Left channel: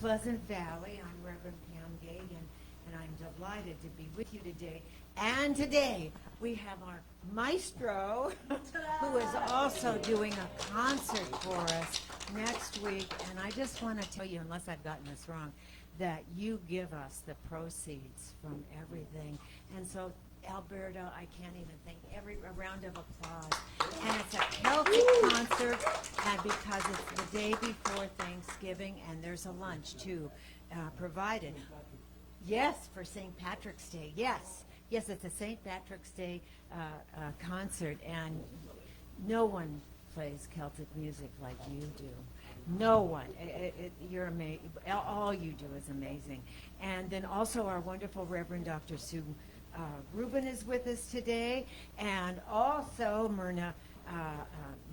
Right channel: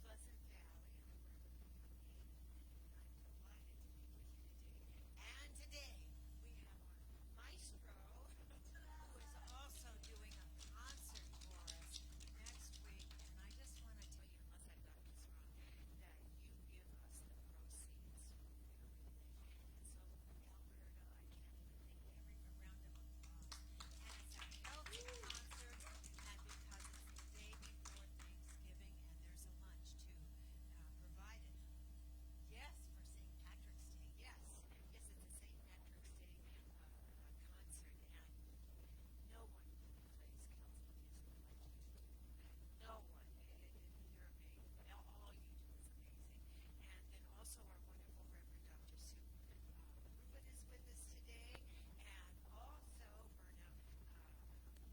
Pleasant Valley. I'm Reverend Pam Geagan, and I'm delighted to be with you today. And today we have our maestro, who is also doing a concert for us next week. And I just want to tell you, unless I've gotten this wrong, that you give us the proceeds from everything. And so, Alberto, I can't even think, a round of applause. And it's a Celtic concert, and because it's the day before Thanksgiving, and there's a lunch, too, provided. Yes, for St. Patrick's Day, yes. Yes, it's a St. Patrick's Day concert, and no one plays Celtic music like you do. No one. You're amazing. All you do is amazing. And then also our wonderful Reverend Dr. Sue Rubin is with us today, and also Mirna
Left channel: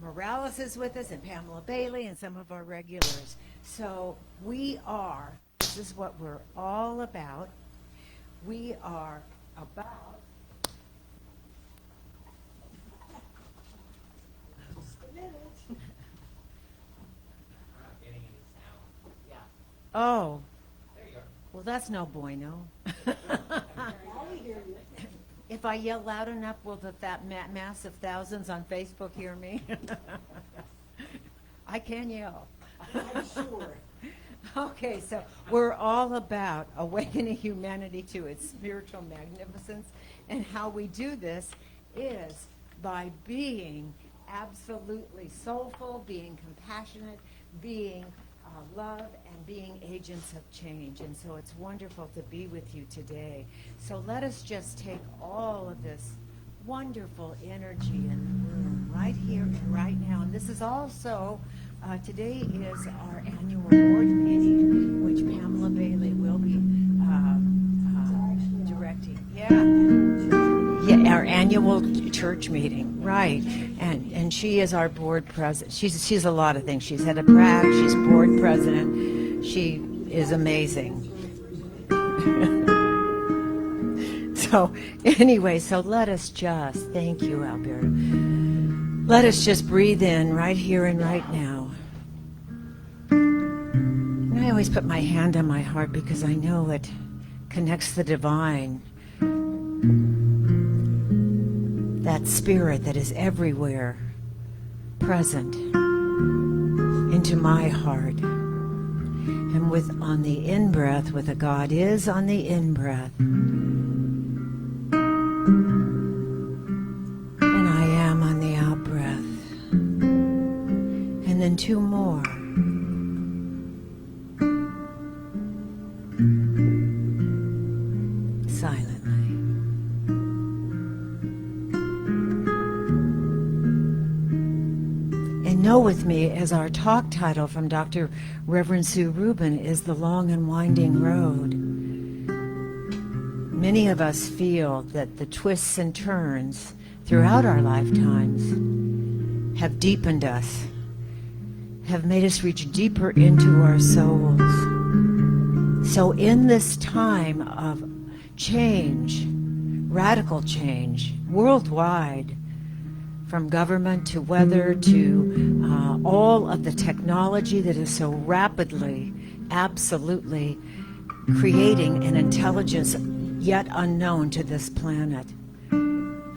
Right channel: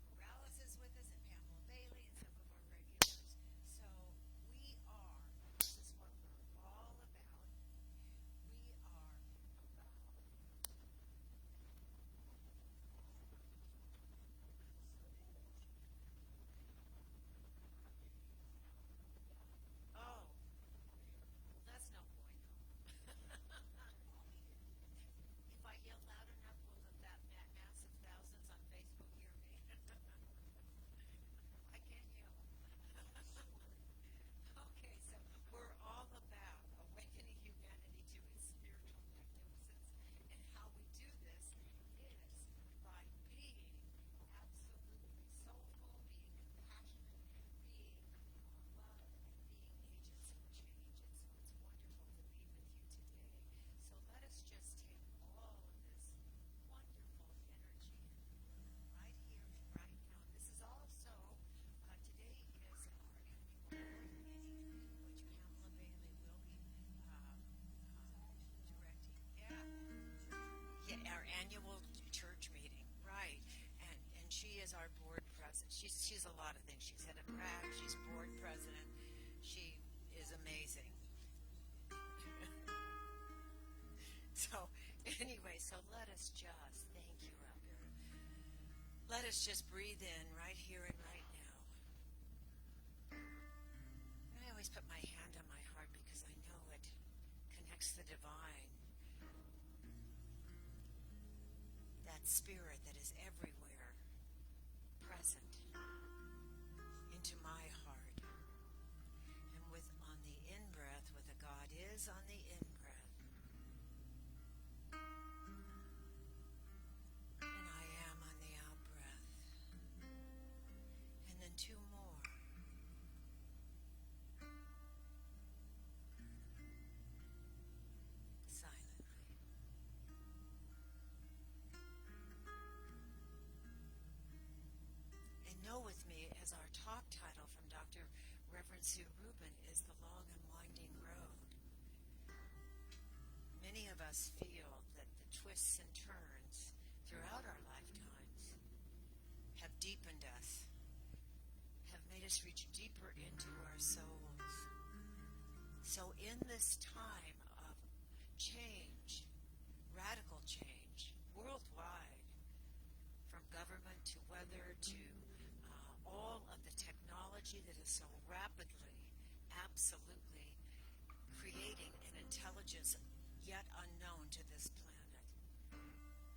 Morales is with us, and Pamela Bailey, and some of our regulars. So this is what we're all about. We are about Oh, well, that's no bueno. If I yell loud enough, will that mass of thousands on Facebook hear me? I can yell. I'm sure. Okay, so we're all about awakening humanity to its spiritual magnificence, and how we do this is by being absolutely soulful, being compassionate, being love, and being agents of change. And so it's wonderful to be with you today. So let us just take all of this wonderful energy in the room right here and right now. And this is also, today is our annual board meeting, which Pamela Bailey will be directing. Yeah, our annual church meeting, right? And she is our board president. She's a lot of things. She's head of PRAC. She's board president. She is amazing. So anyway, so let us just, thank you, Alberto. Let us just breathe in right here and right now. And I always put my hand on my heart because I know it connects the divine. That spirit that is everywhere present into my heart. And on the in-breath, with a God is on the in-breath. And I am on the out-breath. And then two more. Silently. Know with me, as our talk title from Dr. Reverend Sue Rubin is The Long and Winding Road. Many of us feel that the twists and turns throughout our lifetimes have deepened us, have made us reach deeper into our souls. So in this time of change, radical change, worldwide, from government to weather to all of the technology that is so rapidly, absolutely creating an intelligence yet unknown to this planet.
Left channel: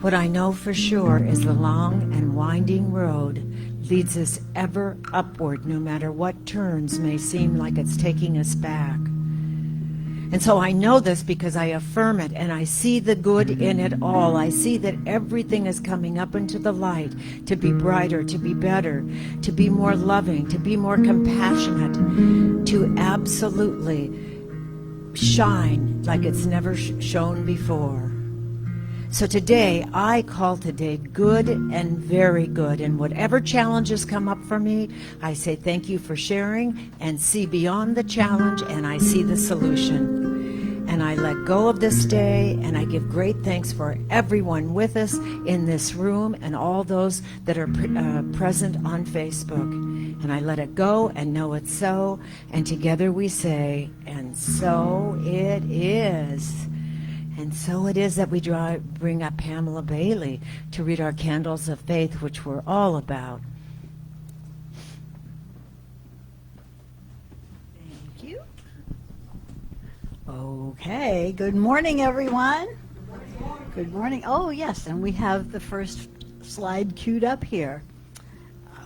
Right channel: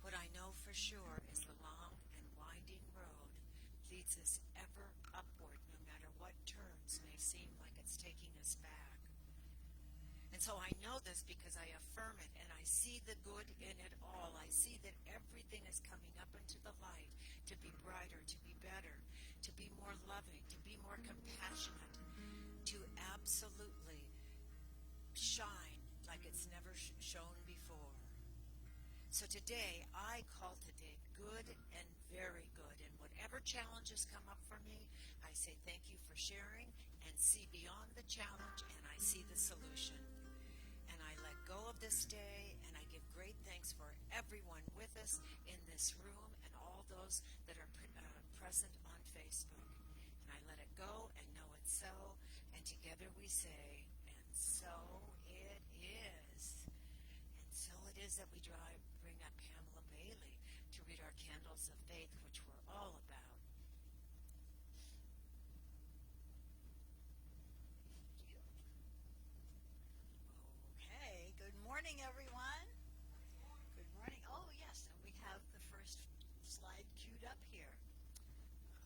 What I know for sure is the long and winding road leads us ever upward, no matter what turns may seem like it's taking us back. And so I know this because I affirm it, and I see the good in it all. I see that everything is coming up into the light to be brighter, to be better, to be more loving, to be more compassionate, to absolutely shine like it's never shone before. So today, I call today good and very good. And whatever challenges come up for me, I say thank you for sharing and see beyond the challenge, and I see the solution. And I let go of this day, and I give great thanks for everyone with us in this room and all those that are present on Facebook. And I let it go and know it's so. And together we say, and so it is. And so it is that we bring up Pamela Bailey to read our Candles of Faith, which we're all about. Thank you. Okay, good morning, everyone. Good morning. Oh, yes, and we have the first slide queued up here.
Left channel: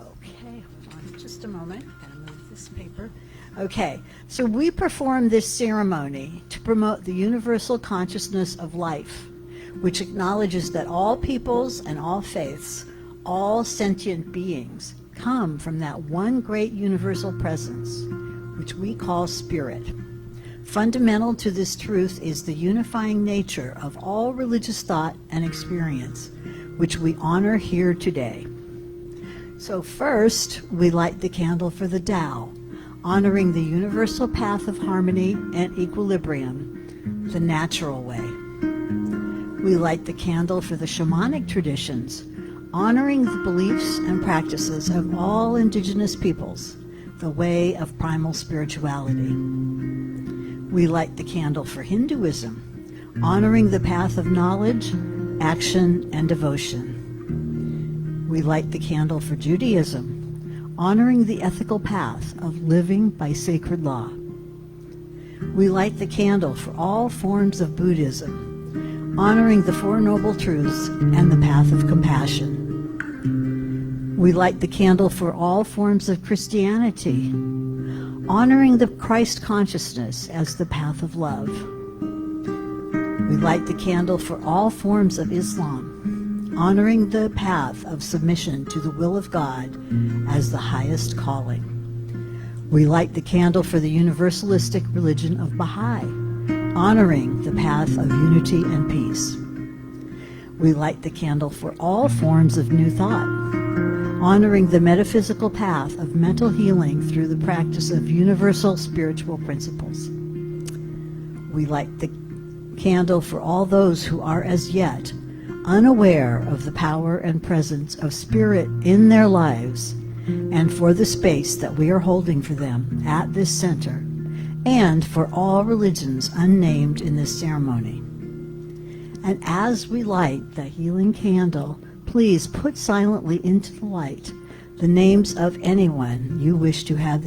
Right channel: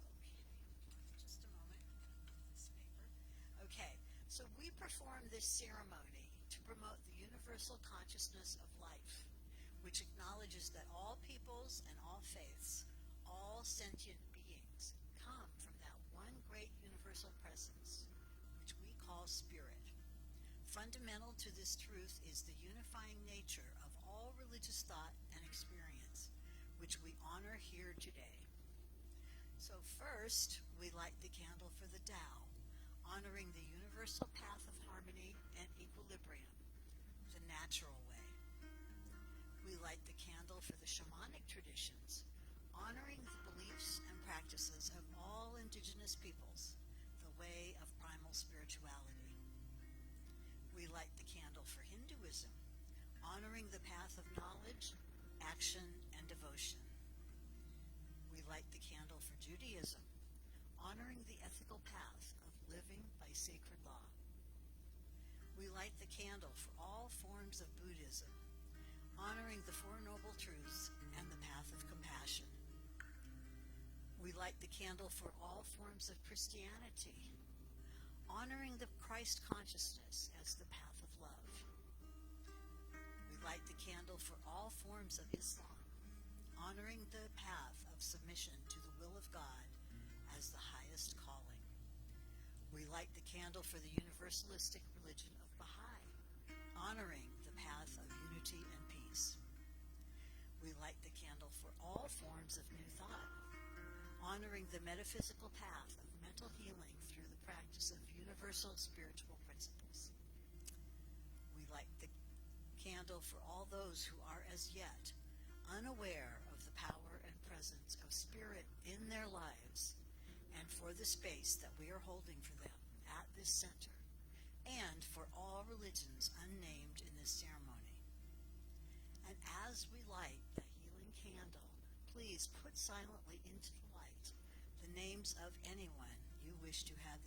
Okay, hold on just a moment. I'm going to move this paper. Okay, so we perform this ceremony to promote the universal consciousness of life, which acknowledges that all peoples and all faiths, all sentient beings, come from that one great universal presence, which we call spirit. Fundamental to this truth is the unifying nature of all religious thought and experience, which we honor here today. So first, we light the candle for the Tao, honoring the universal path of harmony and equilibrium, the natural way. We light the candle for the shamanic traditions, honoring the beliefs and practices of all indigenous peoples, the way of primal spirituality. We light the candle for Hinduism, honoring the path of knowledge, action, and devotion. We light the candle for Judaism, honoring the ethical path of living by sacred law. We light the candle for all forms of Buddhism, honoring the Four Noble Truths and the path of compassion. We light the candle for all forms of Christianity, honoring the Christ consciousness as the path of love. We light the candle for all forms of Islam, honoring the path of submission to the will of God as the highest calling. We light the candle for the universalistic religion of Baha'i, honoring the path of unity and peace. We light the candle for all forms of New Thought, honoring the metaphysical path of mental healing through the practice of universal spiritual principles. We light the candle for all those who are as yet unaware of the power and presence of spirit in their lives, and for the space that we are holding for them at this center, and for all religions unnamed in this ceremony. And as we light the healing candle, please put silently into the light the names of anyone you wish to have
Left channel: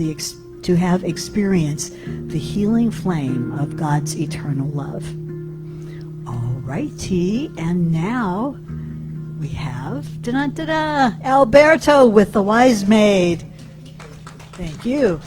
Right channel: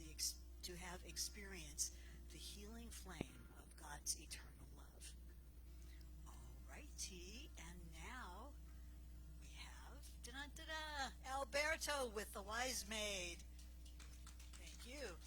experienced the healing flame of God's eternal love. All righty, and now we have Alberto with the Wise Maid. Thank you.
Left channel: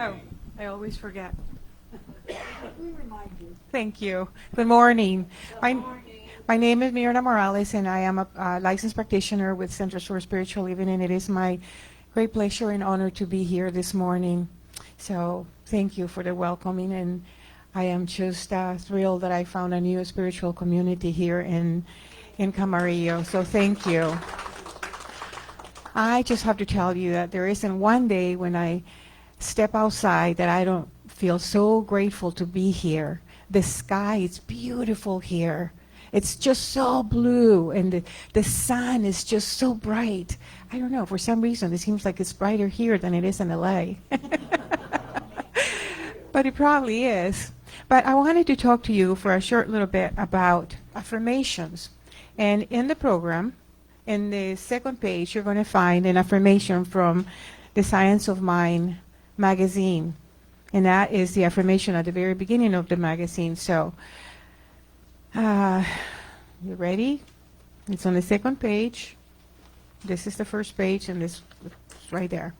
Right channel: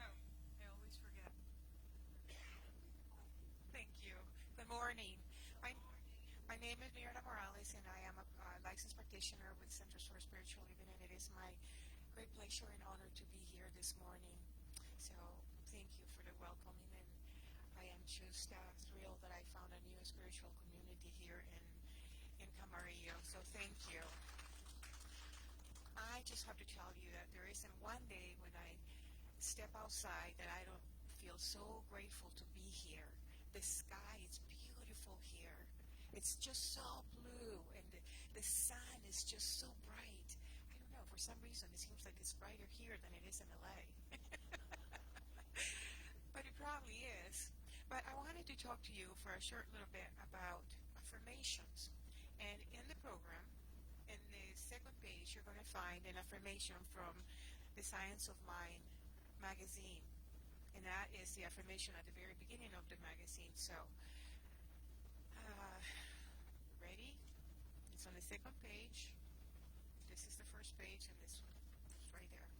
Oh, I always forget. We remind you. Thank you. Good morning. My name is Mirna Morales, and I am a licensed practitioner with Centers for Spiritual Living, and it is my great pleasure and honor to be here this morning. So thank you for the welcoming, and I am just thrilled that I found a new spiritual community here in Camarillo. So thank you. I just have to tell you that there isn't one day when I step outside that I don't feel so grateful to be here. The sky is beautiful here. It's just so blue, and the sun is just so bright. I don't know, for some reason it seems like it's brighter here than it is in LA. But it probably is. But I wanted to talk to you for a short little bit about affirmations. And in the program, in the second page, you're going to find an affirmation from the Science of Mind magazine. And that is the affirmation at the very beginning of the magazine. So, you ready? It's on the second page. This is the first page, and this is right there.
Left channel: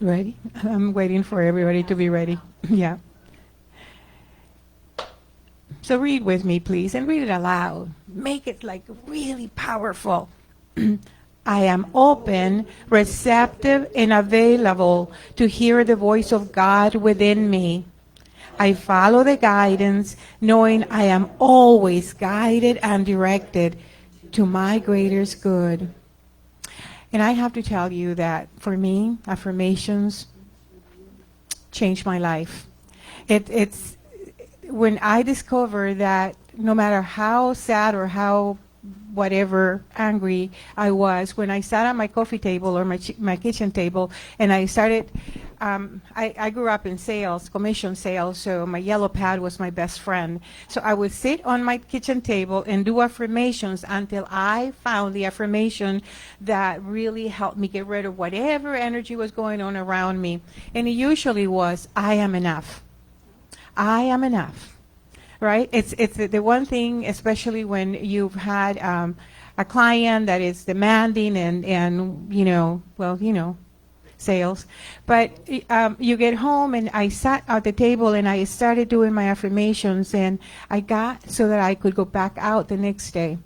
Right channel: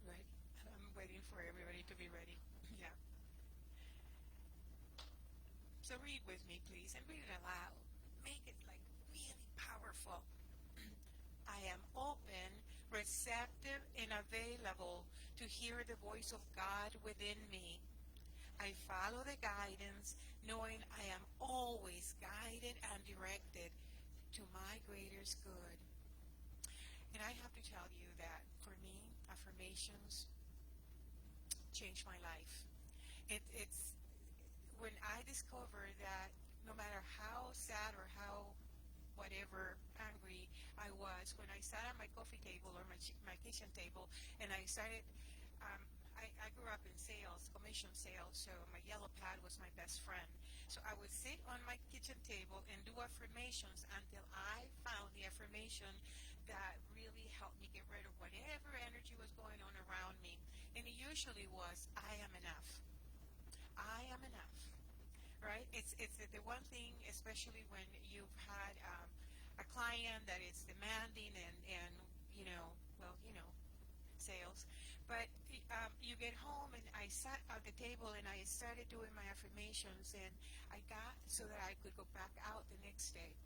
Ready? I'm waiting for everybody to be ready. Yeah. So read with me, please, and read it aloud. Make it like really powerful. I am open, receptive, and available to hear the voice of God within me. I follow the guidance, knowing I am always guided and directed to my greatest good. And I have to tell you that for me, affirmations changed my life. It's when I discovered that no matter how sad or how whatever angry I was, when I sat at my coffee table or my kitchen table and I started, I grew up in sales, commission sales, so my yellow pad was my best friend. So I would sit on my kitchen table and do affirmations until I found the affirmation that really helped me get rid of whatever energy was going on around me. And it usually was, I am enough. I am enough. Right? It's the one thing, especially when you've had a client that is demanding and sales. But you get home, and I sat at the table and I started doing my affirmations, and I got so that I could go back out the next day.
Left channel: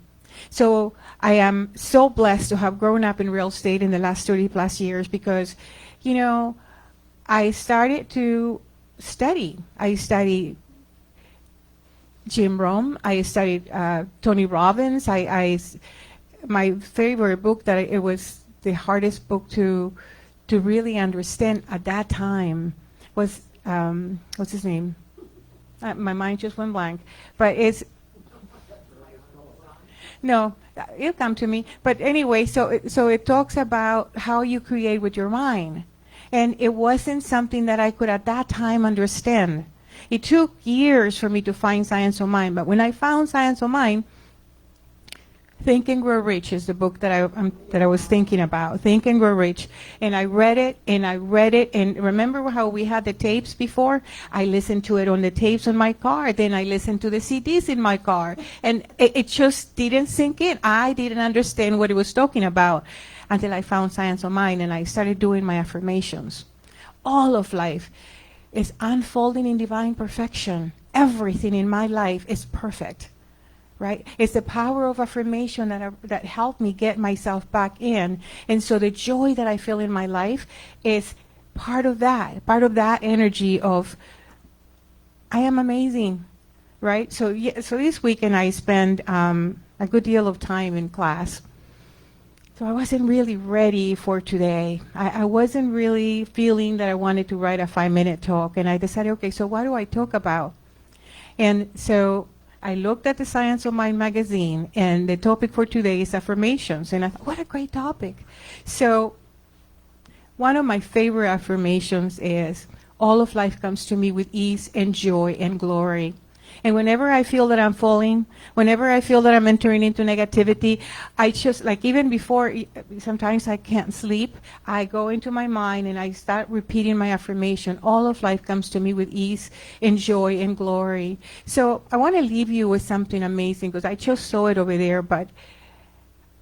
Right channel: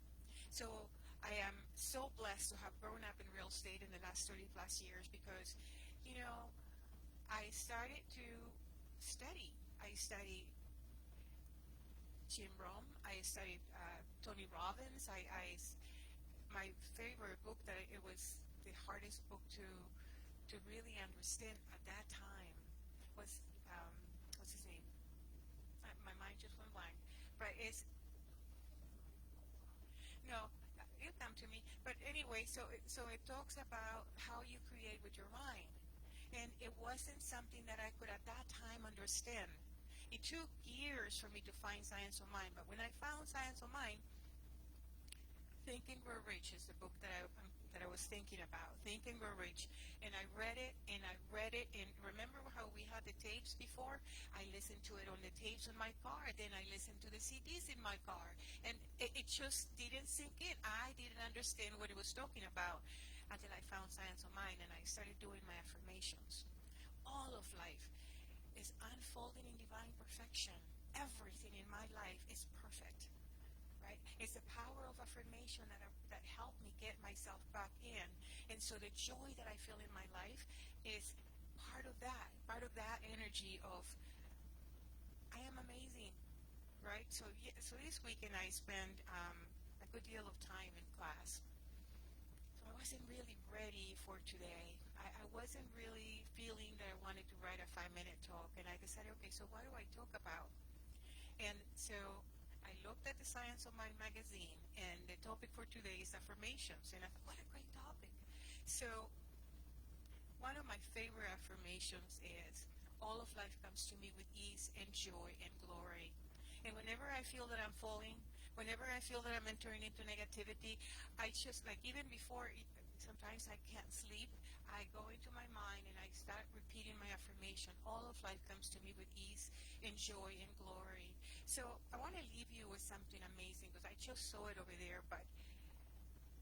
So I am so blessed to have grown up in real estate in the last 30 plus years because, I started to study. I studied Jim Rohn. I studied Tony Robbins. My favorite book that it was the hardest book to really understand at that time was what's his name? My mind just went blank. But no, it'll come to me. But anyway, so it talks about how you create with your mind, and it wasn't something that I could at that time understand. It took years for me to find Science of Mind, but when I found Science of Mind, Think and Grow Rich is the book that I was thinking about. Think and Grow Rich, and I read it, and remember how we had the tapes before? I listened to it on the tapes on my car, then I listened to the CDs in my car, and it just didn't sink in. I didn't understand what it was talking about until I found Science of Mind, and I started doing my affirmations. All of life is unfolding in divine perfection. Everything in my life is perfect, right? It's the power of affirmation that helped me get myself back in. And so the joy that I feel in my life is part of that energy of I am amazing, right? So so this weekend I spent a good deal of time in class. So I wasn't really ready for today. I wasn't really feeling that I wanted to write a 5-minute talk, and I decided, okay, so what do I talk about? And so I looked at the Science of Mind magazine, and the topic for today is affirmations, and I thought, what a great topic. So one of my favorite affirmations is, all of life comes to me with ease and joy and glory. And whenever I feel that I'm falling, whenever I feel that I'm entering into negativity, I just, like even before, sometimes I can't sleep, I go into my mind and I start repeating my affirmation. All of life comes to me with ease and joy and glory. So I want to leave you with something amazing, because I just saw it over there, but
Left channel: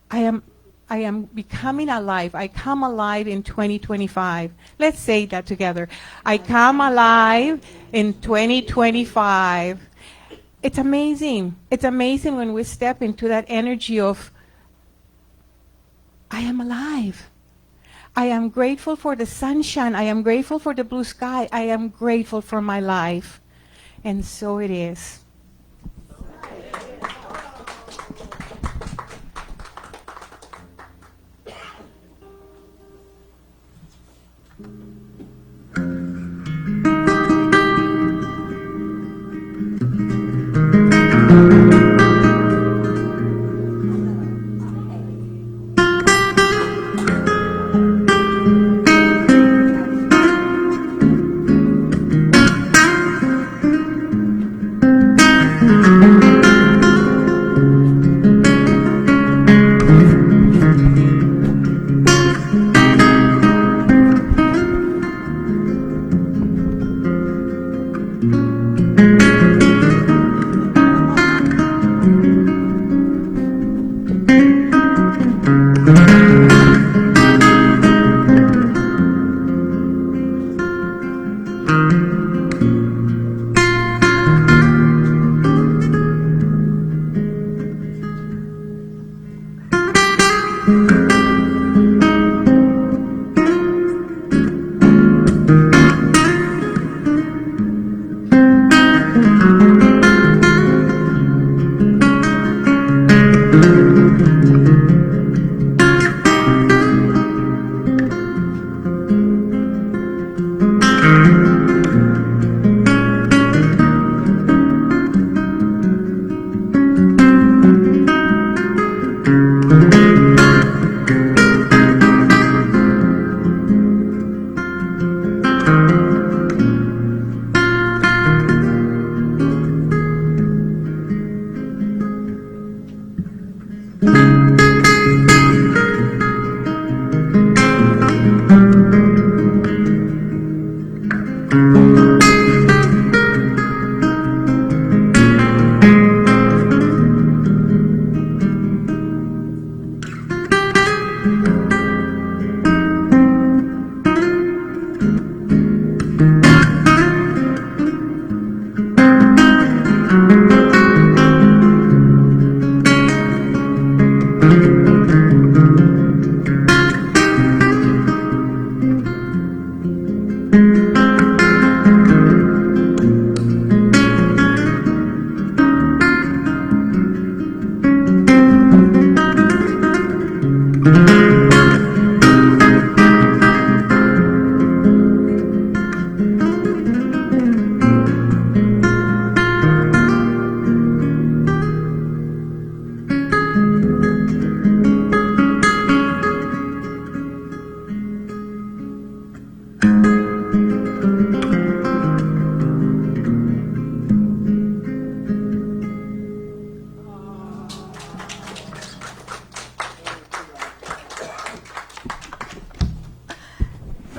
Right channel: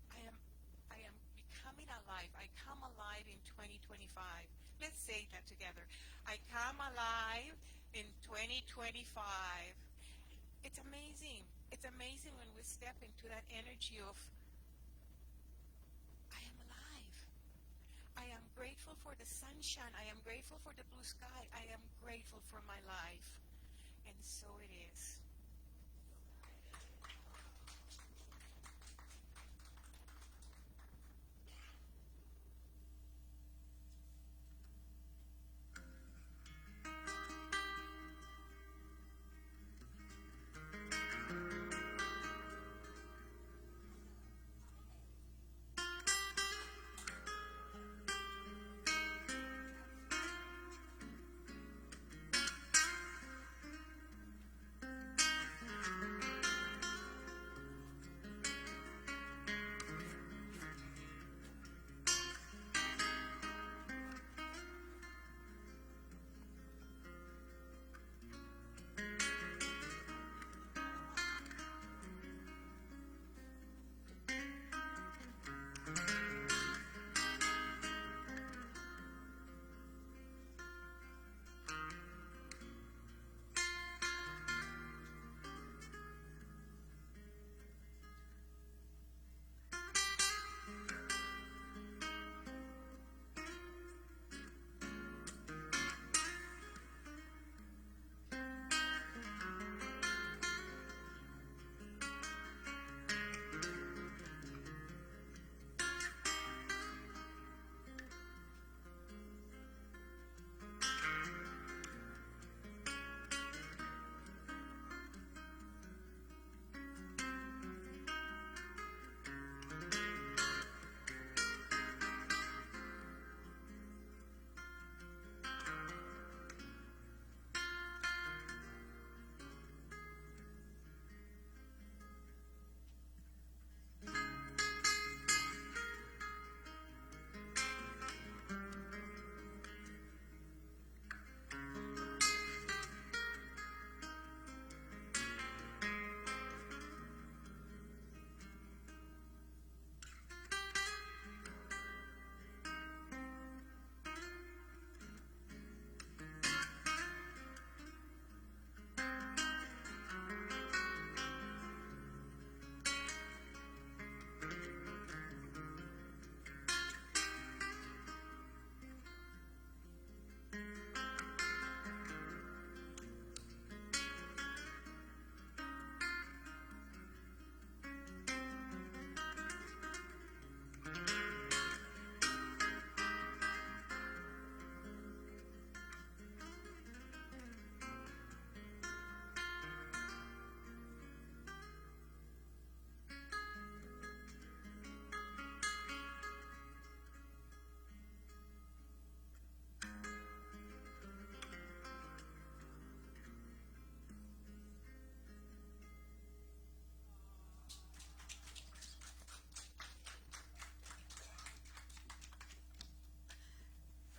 I am becoming alive. I come alive in 2025. Let's say that together. I come alive in 2025. It's amazing. It's amazing when we step into that energy of, I am alive. I am grateful for the sunshine. I am grateful for the blue sky. I am grateful for my life. And so it is.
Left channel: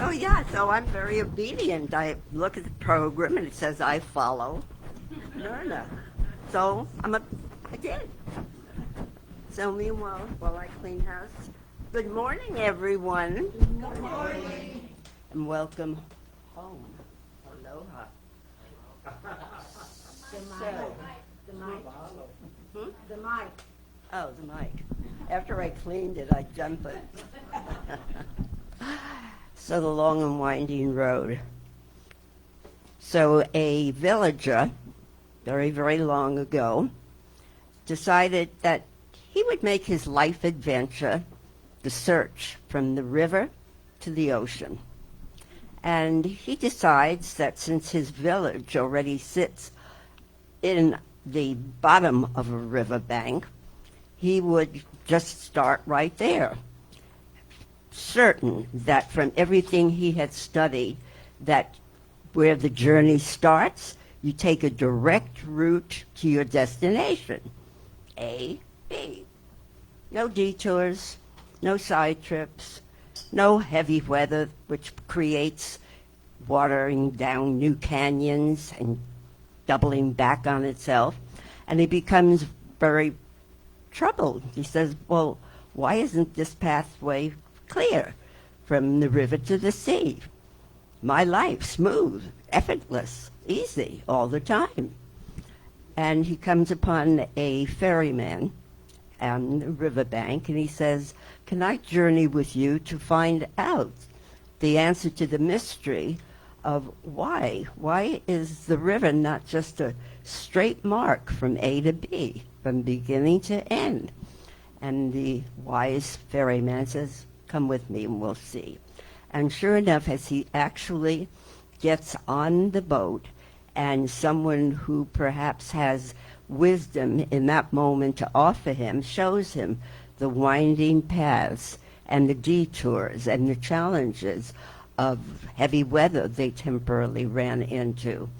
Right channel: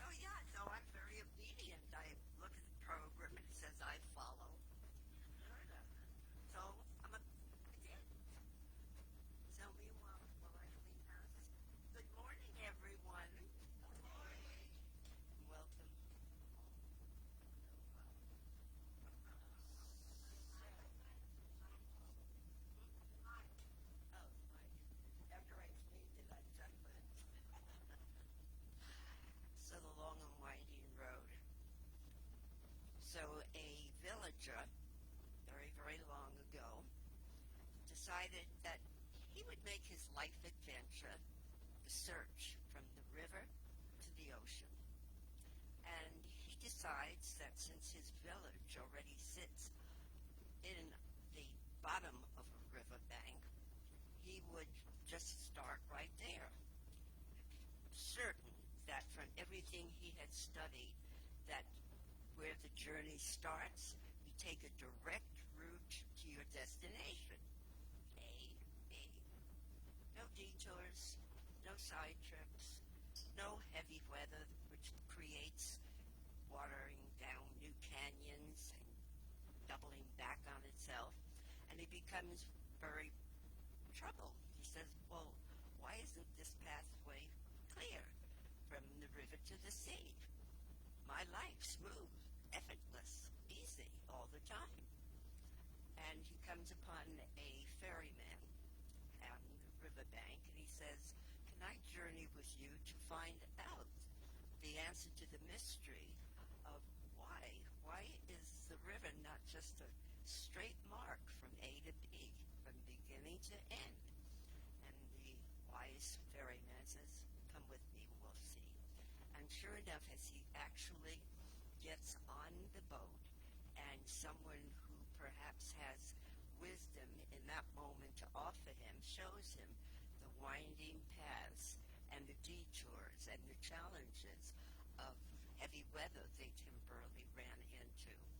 Oh, yeah, so I'm very obedient. I look at the program and it says I follow Mirna. So I did. So meanwhile, while I clean house, good morning, everyone. Good morning. And welcome home. Aloha. The mic. Oh, the mic. After I cleaned it, I jumped it. So the long and winding road. So a villager, very, very long ago, decided that he would make his life adventure the search from the river to the ocean. And he decides that since his village already sits in the bottom of a riverbank, he would just start right there, certain that from everything he had studied, that where the journey starts, you take a direct route to your destination, A, B. No detours, no side trips, no heavy weather, which creates watering down new canyons and doubling back on itself. And he becomes very troubled. He says, well, why isn't this pathway clear from the river to the sea? My life, smooth, effortless, easy all the time. And he comes upon a ferryman on the riverbank, and he says, can I journey with you to find out the answer to the mystery of why? Why is the river not just a straight mark from A to B, from beginning to end? And the wise ferryman says, come with me and we'll see. And sure enough, as he actually gets on the boat, and someone who perhaps has wisdom in that moment to offer him shows him the winding paths and the detours and the challenges of heavy weather they temporarily ran into.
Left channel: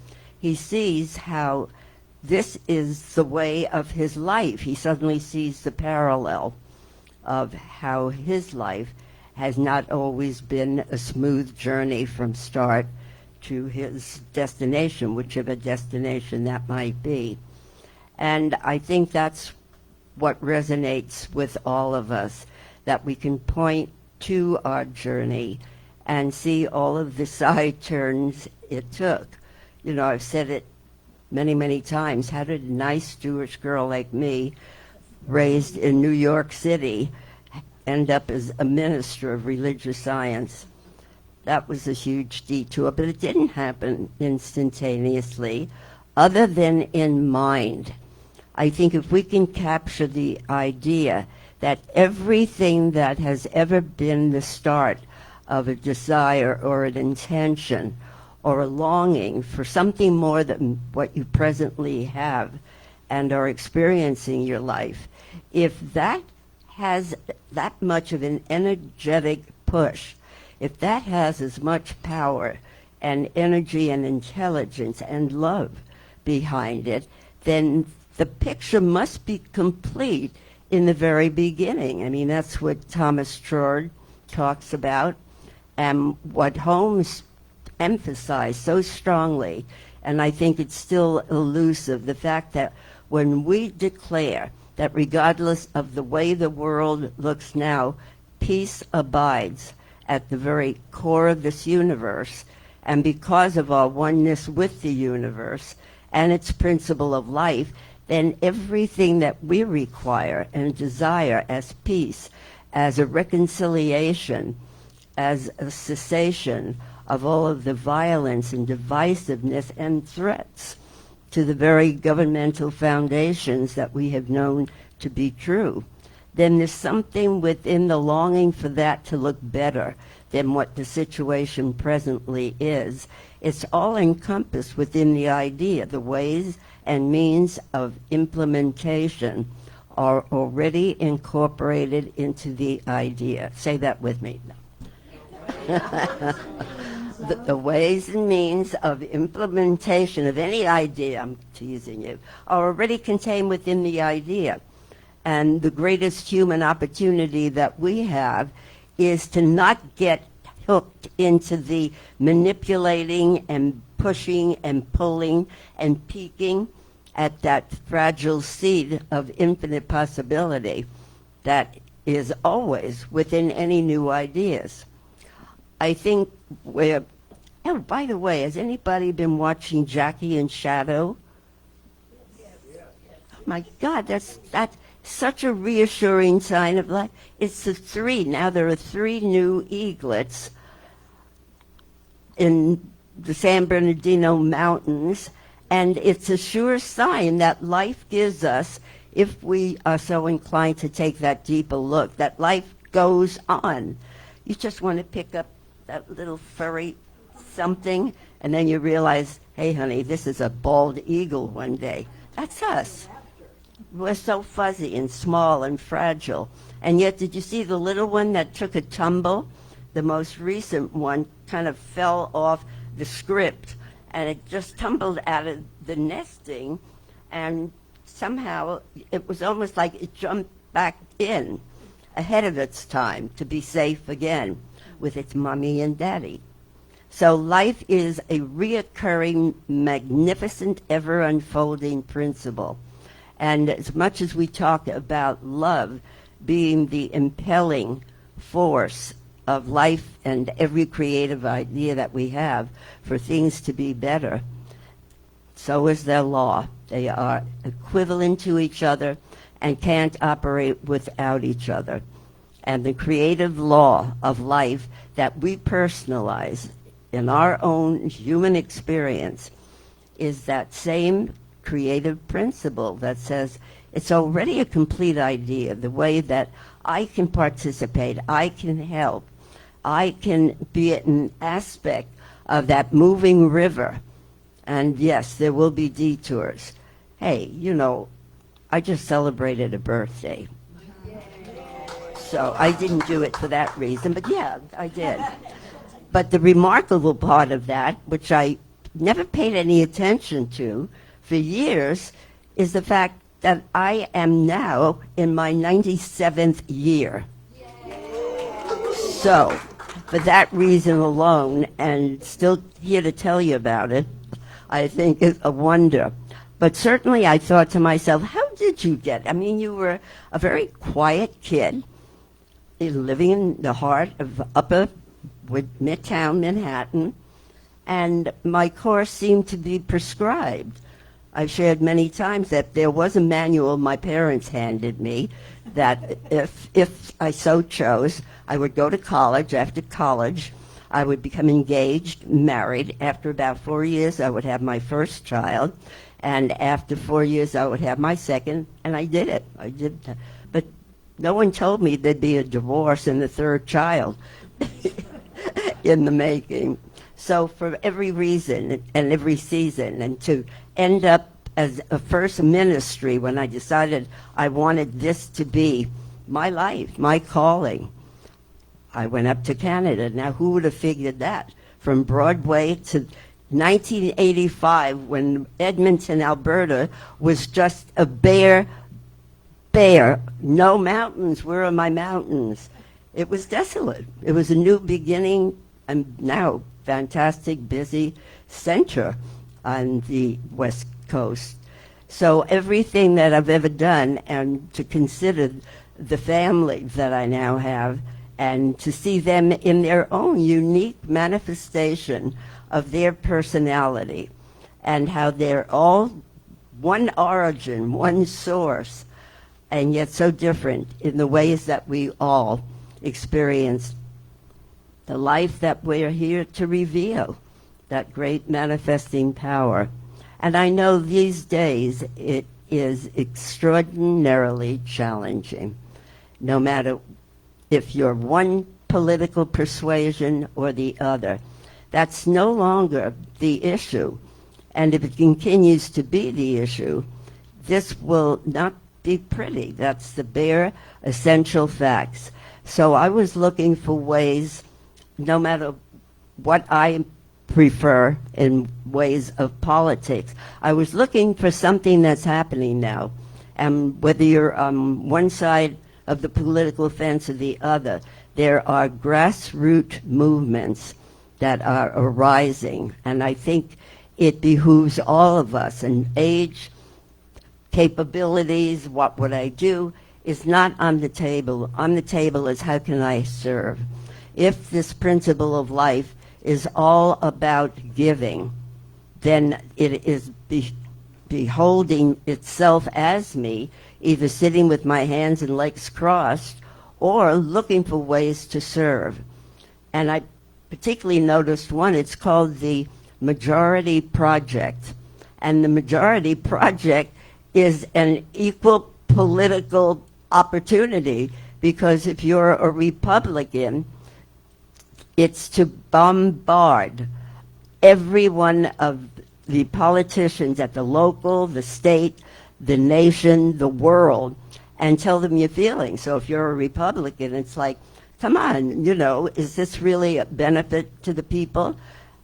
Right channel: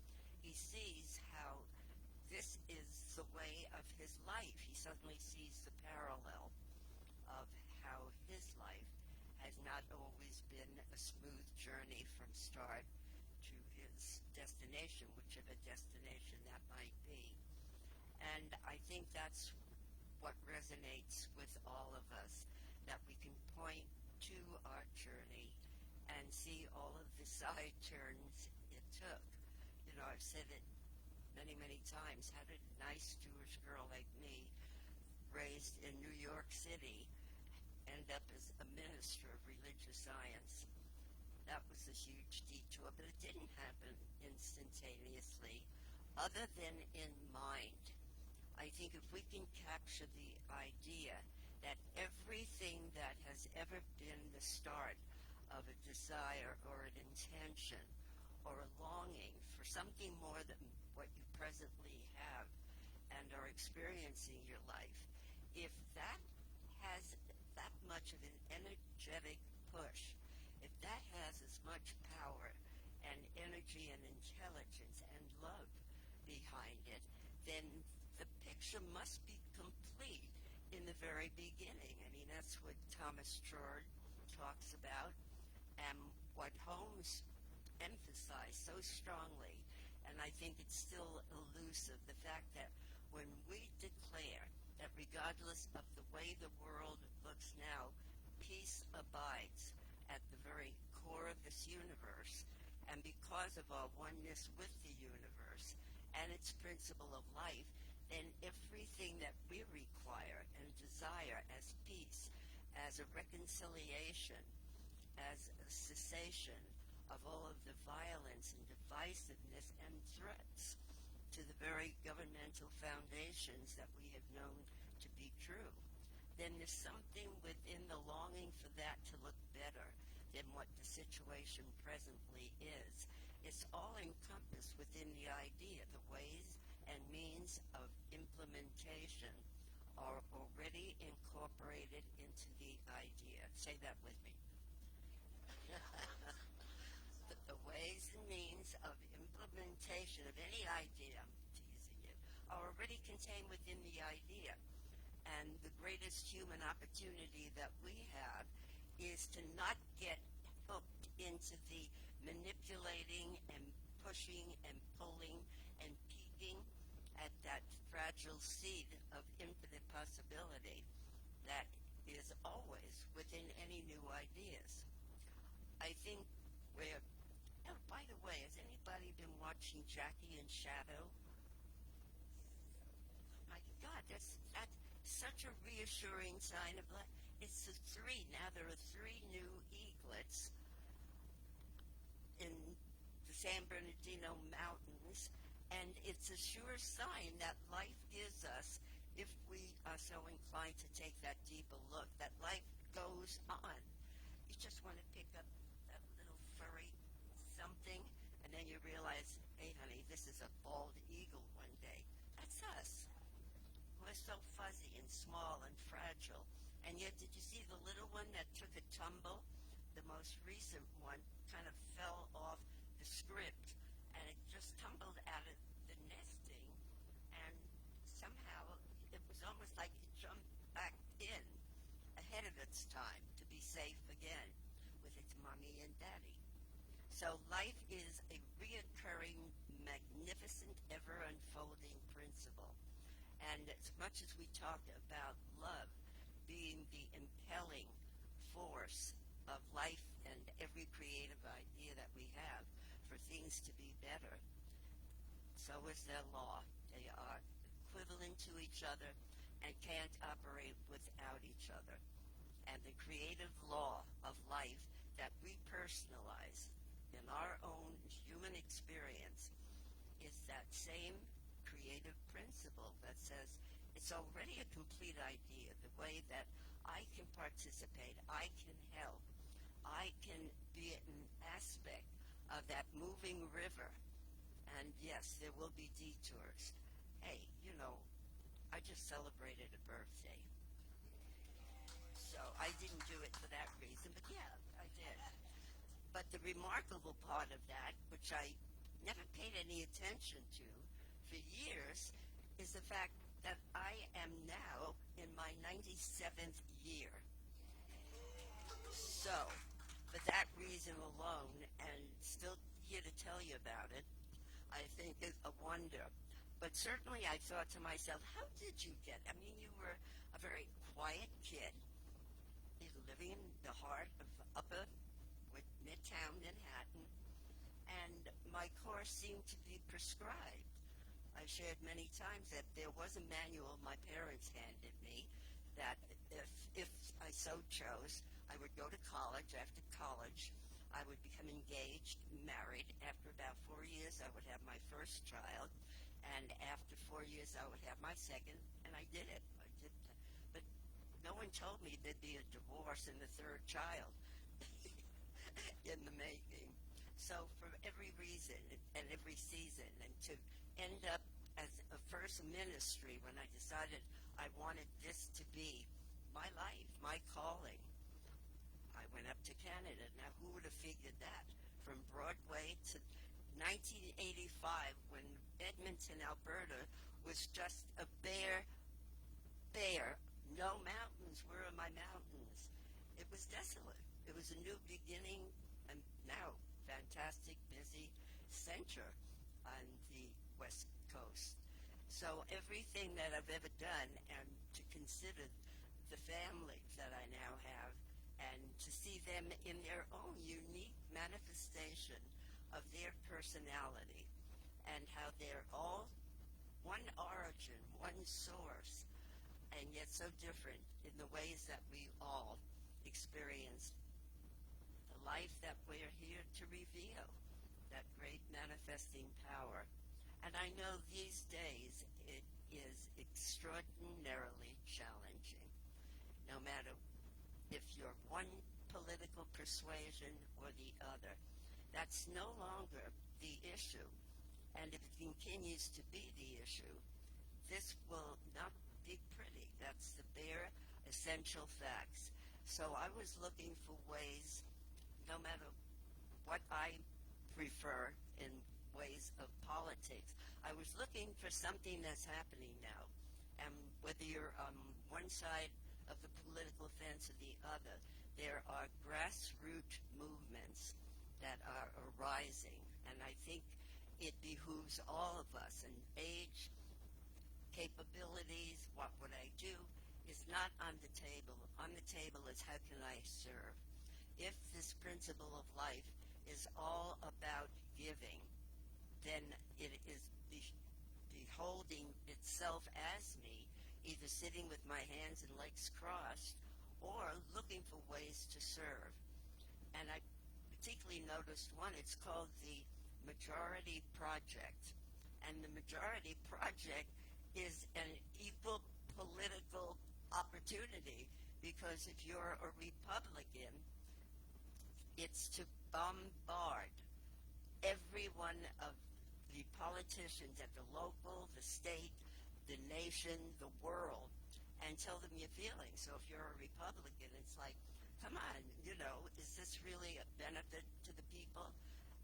He sees how this is the way of his life. He suddenly sees the parallel of how his life has not always been a smooth journey from start to his destination, whichever destination that might be. And I think that's what resonates with all of us, that we can point to our journey and see all of the side turns it took. You know, I've said it many, many times. How did a nice Jewish girl like me, raised in New York City, end up as a minister of religious science? That was a huge detour, but it didn't happen instantaneously, other than in mind. I think if we can capture the idea that everything that has ever been the start of a desire or an intention or a longing for something more than what you presently have and are experiencing in your life, if that has that much of an energetic push, if that has as much power and energy and intelligence and love behind it, then the picture must be complete in the very beginning. I mean, that's what Thomas Trord talks about, and what Holmes emphasized so strongly, and I think it's still elusive, the fact that when we declare that regardless of the way the world looks now, peace abides at the very core of this universe, and because of our oneness with the universe and its principle of life, then everything that we require and desire as peace, as a reconciliation, as a cessation of all of the violence and divisiveness and threats to the very governmental foundations that we have known to be true, then there's something within the longing for that to look better than what the situation presently is. It's all encompassed within the idea. The ways and means of implementation are already incorporated into the idea. Say that with me. The ways and means of implementation of any idea, I'm teasing you, are already contained within the idea. And the greatest human opportunity that we have is to not get hooked into the manipulating and pushing and pulling and peeking at that fragile seed of infinite possibility that is always within any new ideas. I think we're, oh, by the way, has anybody been watching Jackie and Shadow? Oh my God, that's such a reassuring sign of life. It's the three, now there are 3 new eaglets in the San Bernardino Mountains, and it's a sure sign that life gives us, if we are so inclined to take that deeper look, that life goes on. You just want to pick up that little furry something, and then you realize, hey, honey, this is a bald eagle one day. That's us. We're so fuzzy and small and fragile. And yet, did you see the little one that took a tumble? The most recent one kind of fell off the script, and it just tumbled out of the nesting, and somehow it was almost like it jumped back in ahead of its time to be safe again with its mommy and daddy. So life is a reoccurring, magnificent, ever-unfolding principle. And as much as we talk about love being the impelling force of life and every creative idea that we have for things to be better, so is their law. They are equivalent to each other and can't operate without each other. And the creative law of life that we personalize in our own human experience is that same creative principle that says it's already a complete idea, the way that I can participate, I can help, I can be an aspect of that moving river. And yes, there will be detours. Hey, you know, I just celebrated a birthday. So I didn't do it for that reason, but yeah, I did. But the remarkable part of that, which I never paid any attention to for years, is the fact that I am now in my 97th year. So, for that reason alone, and still here to tell you about it, I think is a wonder. But certainly I thought to myself, how did you get? I mean, you were a very quiet kid living in the heart of upper Midtown Manhattan, and my course seemed to be prescribed. I've shared many times that there was a manual my parents handed me that if I so chose, I would go to college. After college, I would become engaged, married. After about 4 years, I would have my first child. And after 4 years, I would have my second, and I did it. I did that. But no one told me there'd be a divorce and a third child in the making. So for every reason and every season, and to end up as a first ministry when I decided I wanted this to be my life, my calling, I went up to Canada. Now, who would have figured that? From Broadway to 1985, when Edmonton, Alberta, was just a bare, no mountains. Where are my mountains? It was desolate. It was a new beginning, and now fantastic, busy center on the West Coast. So everything that I've ever done, and to consider the family that I now have, and to see them in their own unique manifestation of their personality, and how they're all one origin, one source, and yet so different in the ways that we all experience the life that we're here to reveal, that great manifesting power. And I know these days it is extraordinarily challenging, no matter if you're one political persuasion or the other. That's no longer the issue. And if it continues to be the issue, this will not be pretty. That's the bare essential facts. So I was looking for ways, no matter what I prefer in ways of politics, I was looking for something that's happening now. And whether you're on one side of the political fence or the other, there are grassroots movements that are arising. And I think it behooves all of us, and age, capabilities, what would I do, is not on the table. On the table is how can I serve? If this principle of life is all about giving, then it is beholding itself as me, either sitting with my hands and legs crossed or looking for ways to serve. And I particularly noticed one, it's called the majority project. And the majority project is an equal political opportunity, because if you're a Republican, it's to bombard every one of the politicians at the local, the state, the nation, the world, and tell them your feelings. So if you're a Republican, it's like, come on, is this really a benefit to the people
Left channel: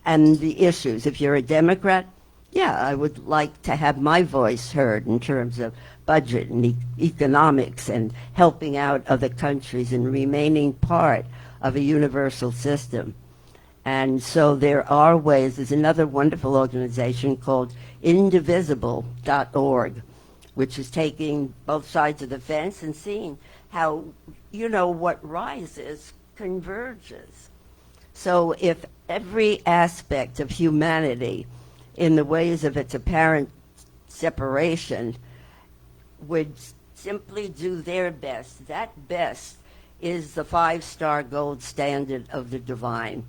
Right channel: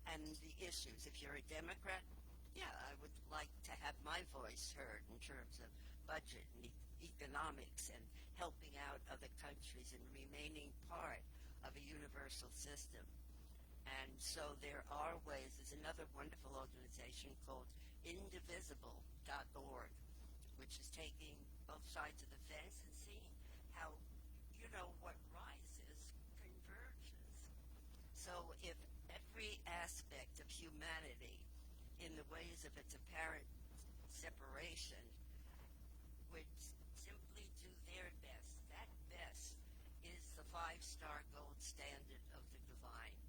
and the issues? If you're a Democrat, yeah, I would like to have my voice heard in terms of budget and economics and helping out other countries and remaining part of a universal system. And so there are ways. There's another wonderful organization called indivisible.org, which is taking both sides of the fence and seeing how, what rises converges. So if every aspect of humanity, in the ways of its apparent separation, would simply do their best, that best is the 5-star gold standard of the divine.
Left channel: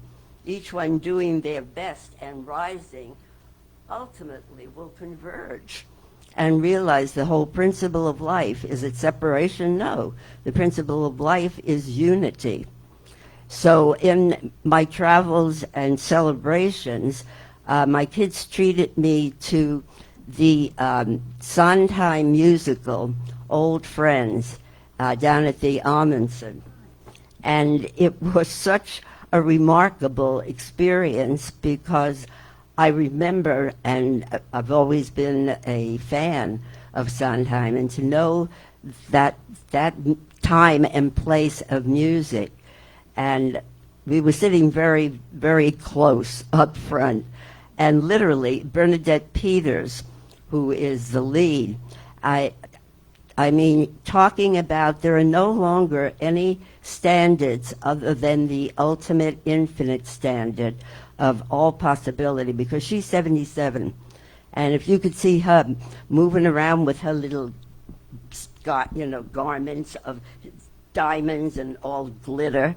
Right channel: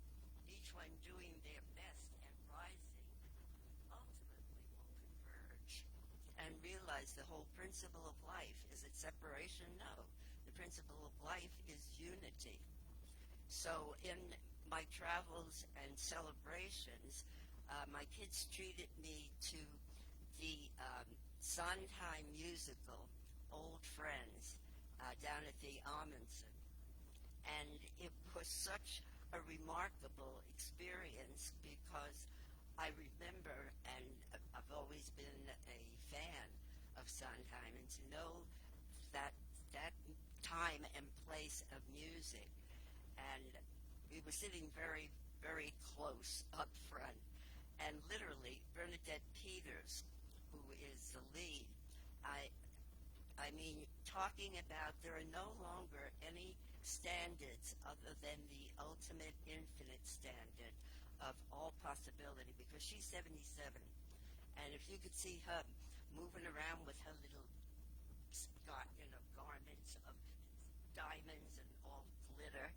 Each one doing their best and rising ultimately will converge and realize the whole principle of life. Is it separation? No. The principle of life is unity. So in my travels and celebrations, my kids treated me to the Sondheim musical, Old Friends, down at the Amundsen. And it was such a remarkable experience, because I remember, and I've always been a fan of Sondheim, and to know that time and place of music. And we were sitting very, very close up front. And literally, Bernadette Peters, who is the lead, I mean, talking about there are no longer any standards other than the ultimate infinite standard of all possibility, because she's 77. And if you could see her moving around with her little garments of diamonds and all glitter,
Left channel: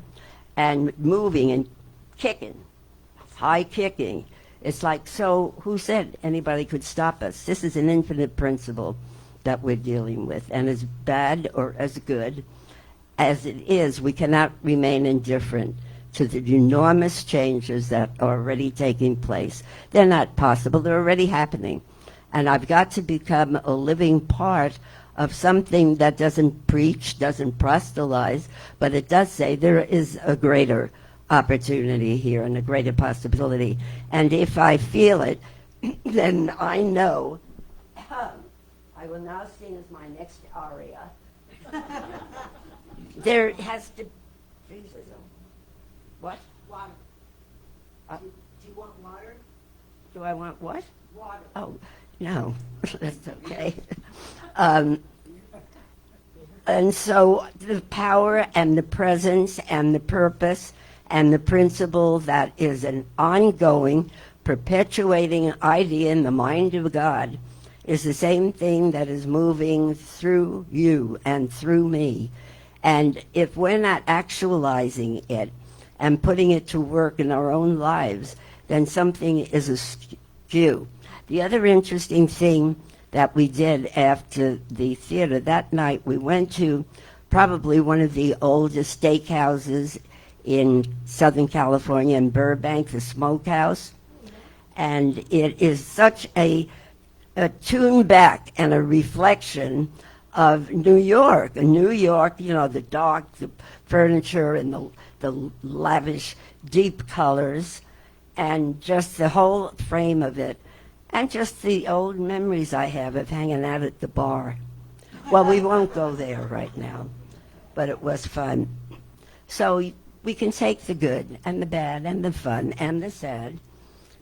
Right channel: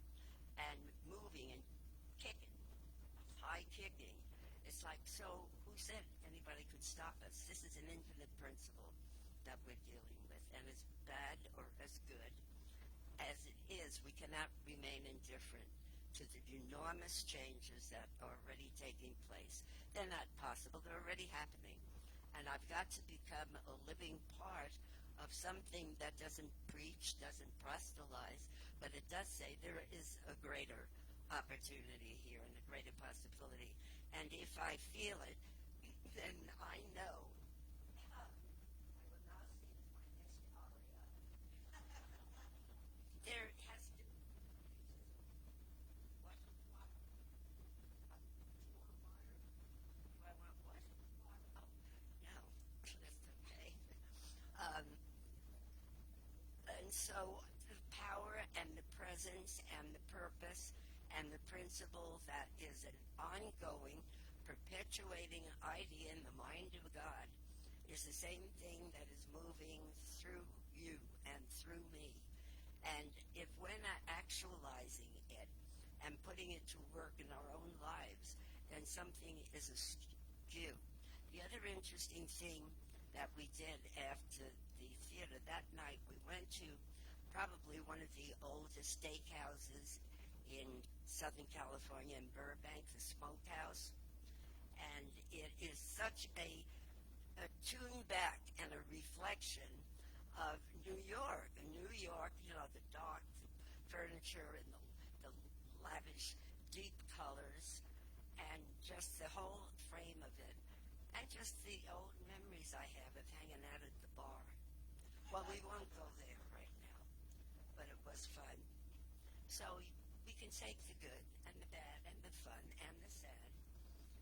and moving and kicking, high kicking. It's like, so who said anybody could stop us? This is an infinite principle that we're dealing with. And as bad or as good as it is, we cannot remain indifferent to the enormous changes that are already taking place. They're not possible. They're already happening. And I've got to become a living part of something that doesn't preach, doesn't proselytize, but it does say there is a greater opportunity here and a greater possibility. And if I feel it, then I know I will now sing as my next aria. There has to be what? Water. Do you want water? Do I want what? Water. Oh, no, that's okay. And so the power and the presence and the purpose and the principle that is an ongoing, perpetuating idea in the mind of God is the same thing that is moving through you and through me. And if we're not actualizing it and putting it to work in our own lives, then something is askew. The other interesting thing that we did after the theater, that night we went to probably one of the oldest steakhouses in Southern California, in Burbank, the Smokehouse. And it is such a tune back and a reflection of New York. And New York, the dark, the furniture and the lavish, deep colors, and just the whole frame of it. And just the old memories I have of hanging out at the bar. Well, we won't go there right now, but it was fun. So we can take the good and the bad and the fun and the sad,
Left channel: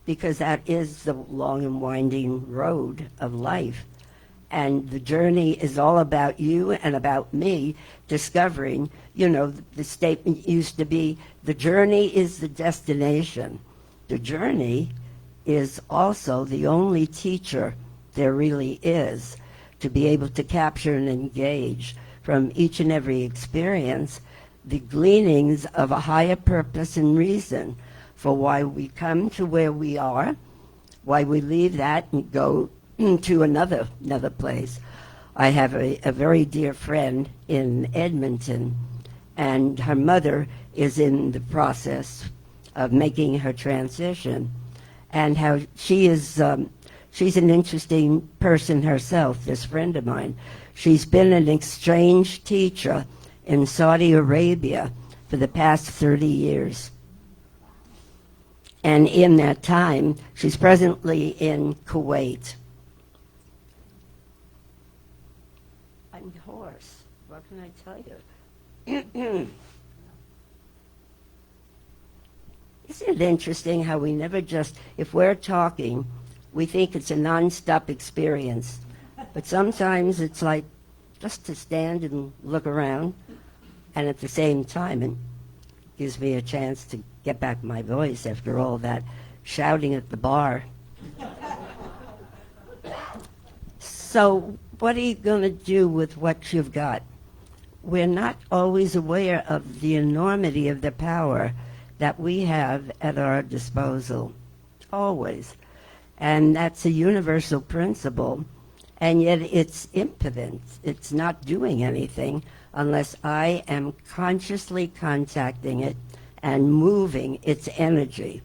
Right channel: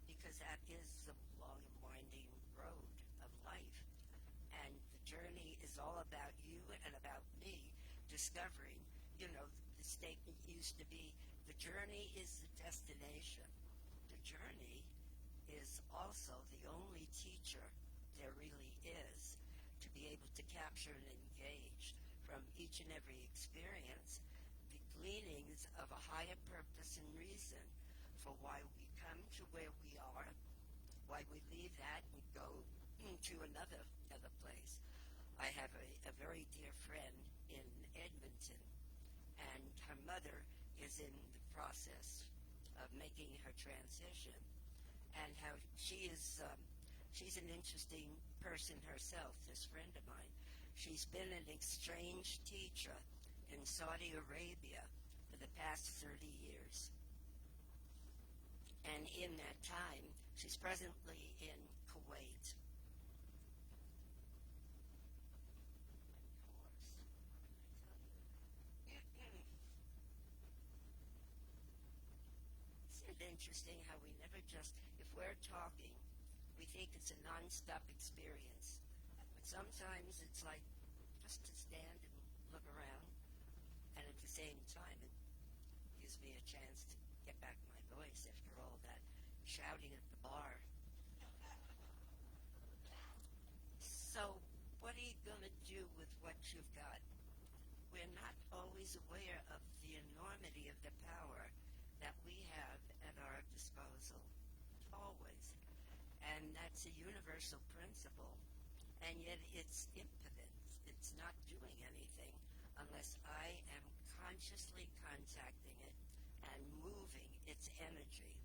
because that is the long and winding road of life. And the journey is all about you and about me discovering, the statement used to be, the journey is the destination. The journey is also the only teacher there really is, to be able to capture and engage from each and every experience the gleanings of a higher purpose and reason for why we come to where we are why we leave that and go to another place. I have a very dear friend in Edmonton, and her mother is in the process of making her transition, and how she is, she's an interesting person herself, this friend of mine. She's been an exchange teacher in Saudi Arabia for the past 30 years. And in that time, she's presently in Kuwait. I'm hoarse. What can I tell you? Isn't it interesting how we never just, if we're talking, we think it's a non-stop experience. But sometimes it's like just to stand and look around, and at the same time, it gives me a chance to get back my voice after all that shouting at the bar. So what are you going to do with what you've got? We're not always aware of the enormity of the power that we have at our disposal, always. And that's a universal principle, and yet it's impotent. It's not doing anything unless I am consciously contacting it and moving its energy.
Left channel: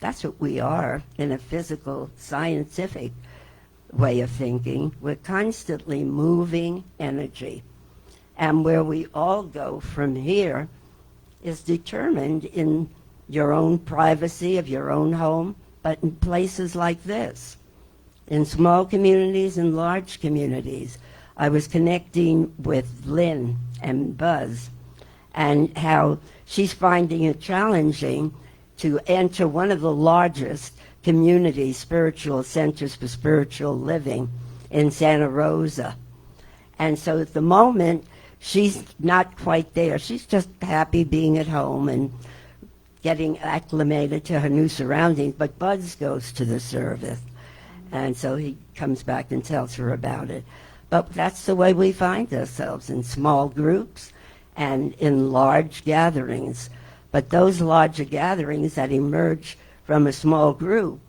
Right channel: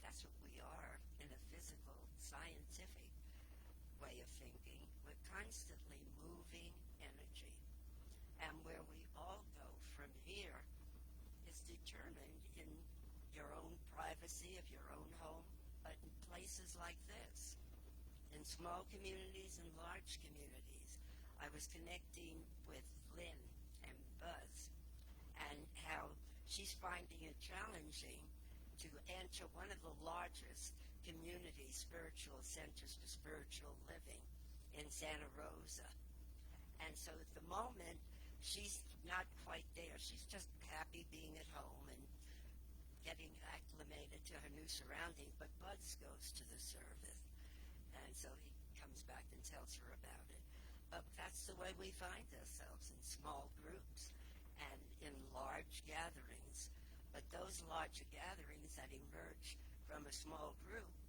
That's what we are in a physical, scientific way of thinking. We're constantly moving energy. And where we all go from here is determined in your own privacy of your own home, but in places like this, in small communities and large communities. I was connecting with Lynn and Buzz, and how she's finding it challenging to enter one of the largest community spiritual centers for spiritual living in Santa Rosa. And so at the moment, she's not quite there. She's just happy being at home and getting acclimated to her new surroundings. But Buzz goes to the service, and so he comes back and tells her about it. But that's the way we find ourselves, in small groups and in large gatherings. But those larger gatherings that emerge from a small group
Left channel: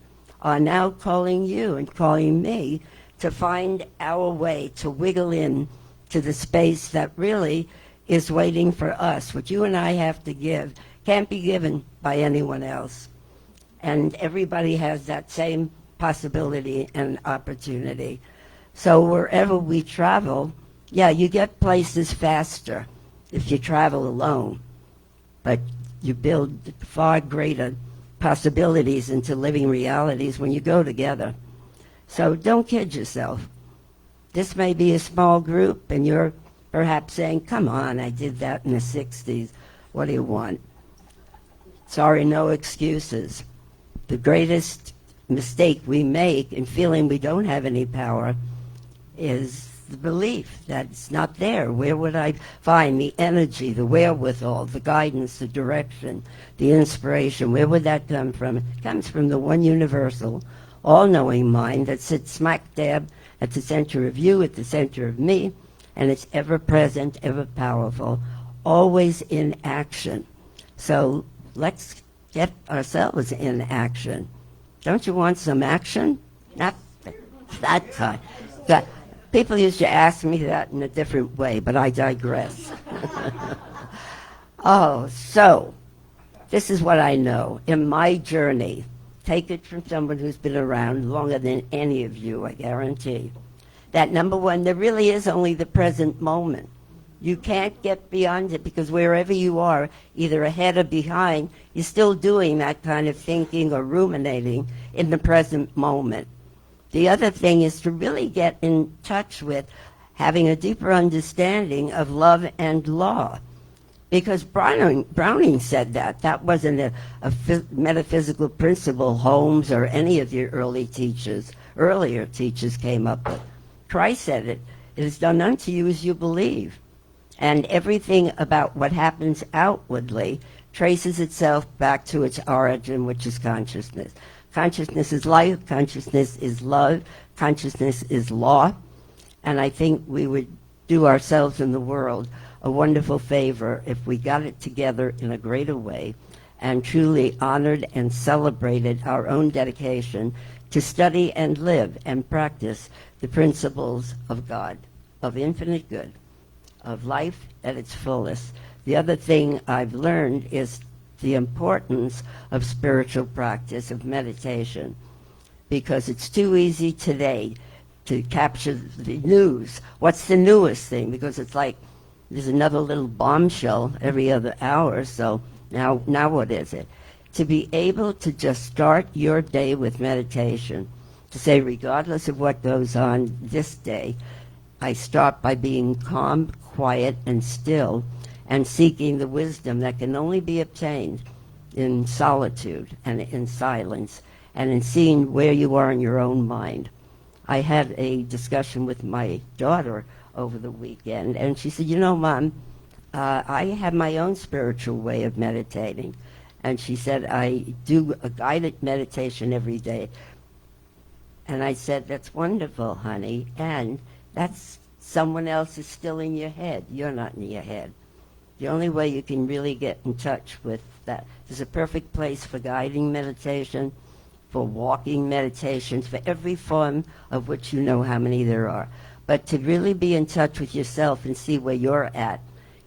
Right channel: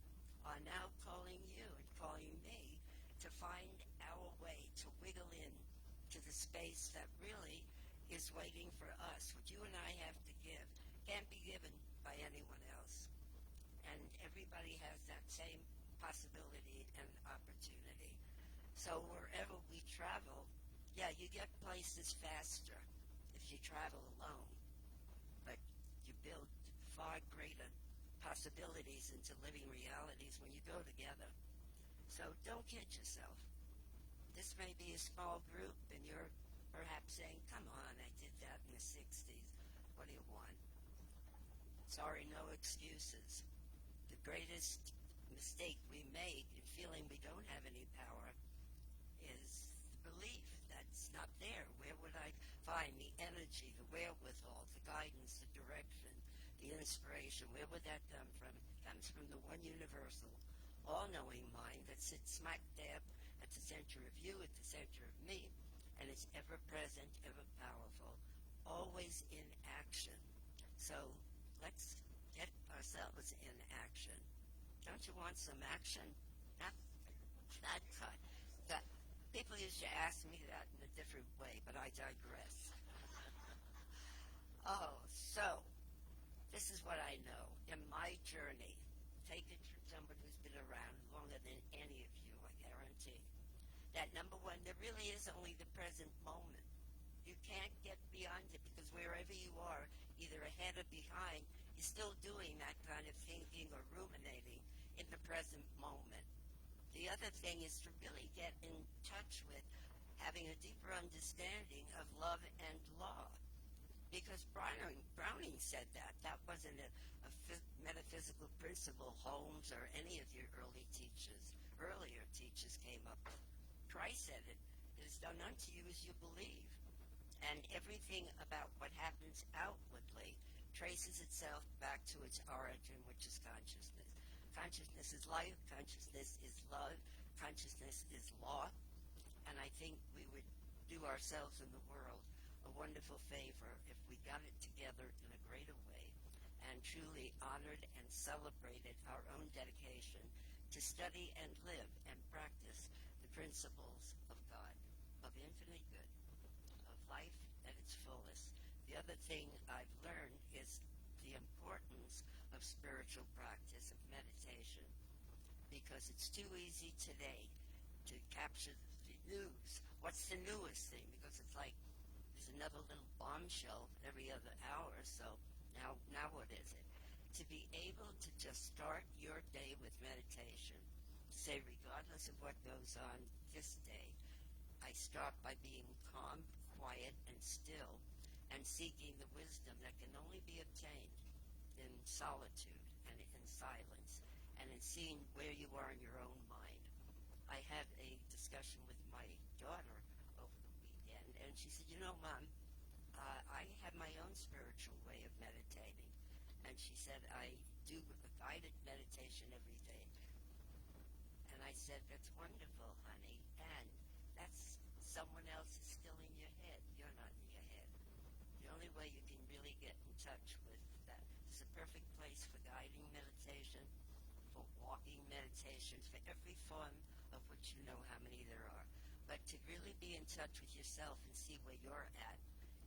are now calling you and calling me to find our way to wiggle in to the space that really is waiting for us. What you and I have to give can't be given by anyone else. And everybody has that same possibility and opportunity. So wherever we travel, yeah, you get places faster if you travel alone, but you build far greater possibilities into living realities when you go together. So don't kid yourself. This may be a small group, and you're perhaps saying, come on, I did that in the 60s. What do you want? Sorry, no excuses. The greatest mistake we make in feeling we don't have any power is the belief that it's not there. Where would I find the energy, the wherewithal, the guidance, the direction, the inspiration? Where would that come from? It comes from the one universal, all-knowing mind that sits smack dab at the center of you, at the center of me, and it's ever present, ever powerful, always in action. So let's get ourselves in action. Don't you want some action? Not that kind. People used to ask me that in a different way, but I digress. Oh, so this is what I know. In my journey, take it from someone who's been around longer than any of you, I guarantee, that number one, there really is only the present moment. You can't get beyond it, because wherever you are, either ahead or behind, you're still doing that kind of thinking or ruminating in the present moment. The other thing is to really get in touch with having a deeper understanding of love and law. Because Browning said that. That wasn't a metaphysical principle Holmes or any of your earlier teachers came up with. Christ said it. It is done unto you as you believe. And everything about what happens outwardly traces itself back to its origin, which is consciousness. Consciousness is life, consciousness is love, consciousness is law. And I think we would do ourselves and the world a wonderful favor if we got it together in a greater way and truly honored and celebrated our own dedication to study and live and practice the principles of God, of infinite good, of life at its fullest. The other thing I've learned is the importance of spiritual practice, of meditation, because it's too easy today to capture the news. What's the newest thing? Because it's like there's another little bombshell every other hour, so now what is it? To be able to just start your day with meditation, to say, regardless of what goes on this day, I start by being calm, quiet, and still, and seeking the wisdom that can only be obtained in solitude and in silence, and in seeing where you are in your own mind. I had a discussion with my daughter over the weekend, and she said, Mom, I have my own spiritual way of meditating. And she said, I do a guided meditation every day. And I said, that's wonderful, honey, and that's someone else is still in your head. You're not in your head. The only way you can really get in touch with that, there's a perfect place for guiding meditation, for walking meditations, for every form of which you know how many there are. But to really be in touch with yourself and see where you're at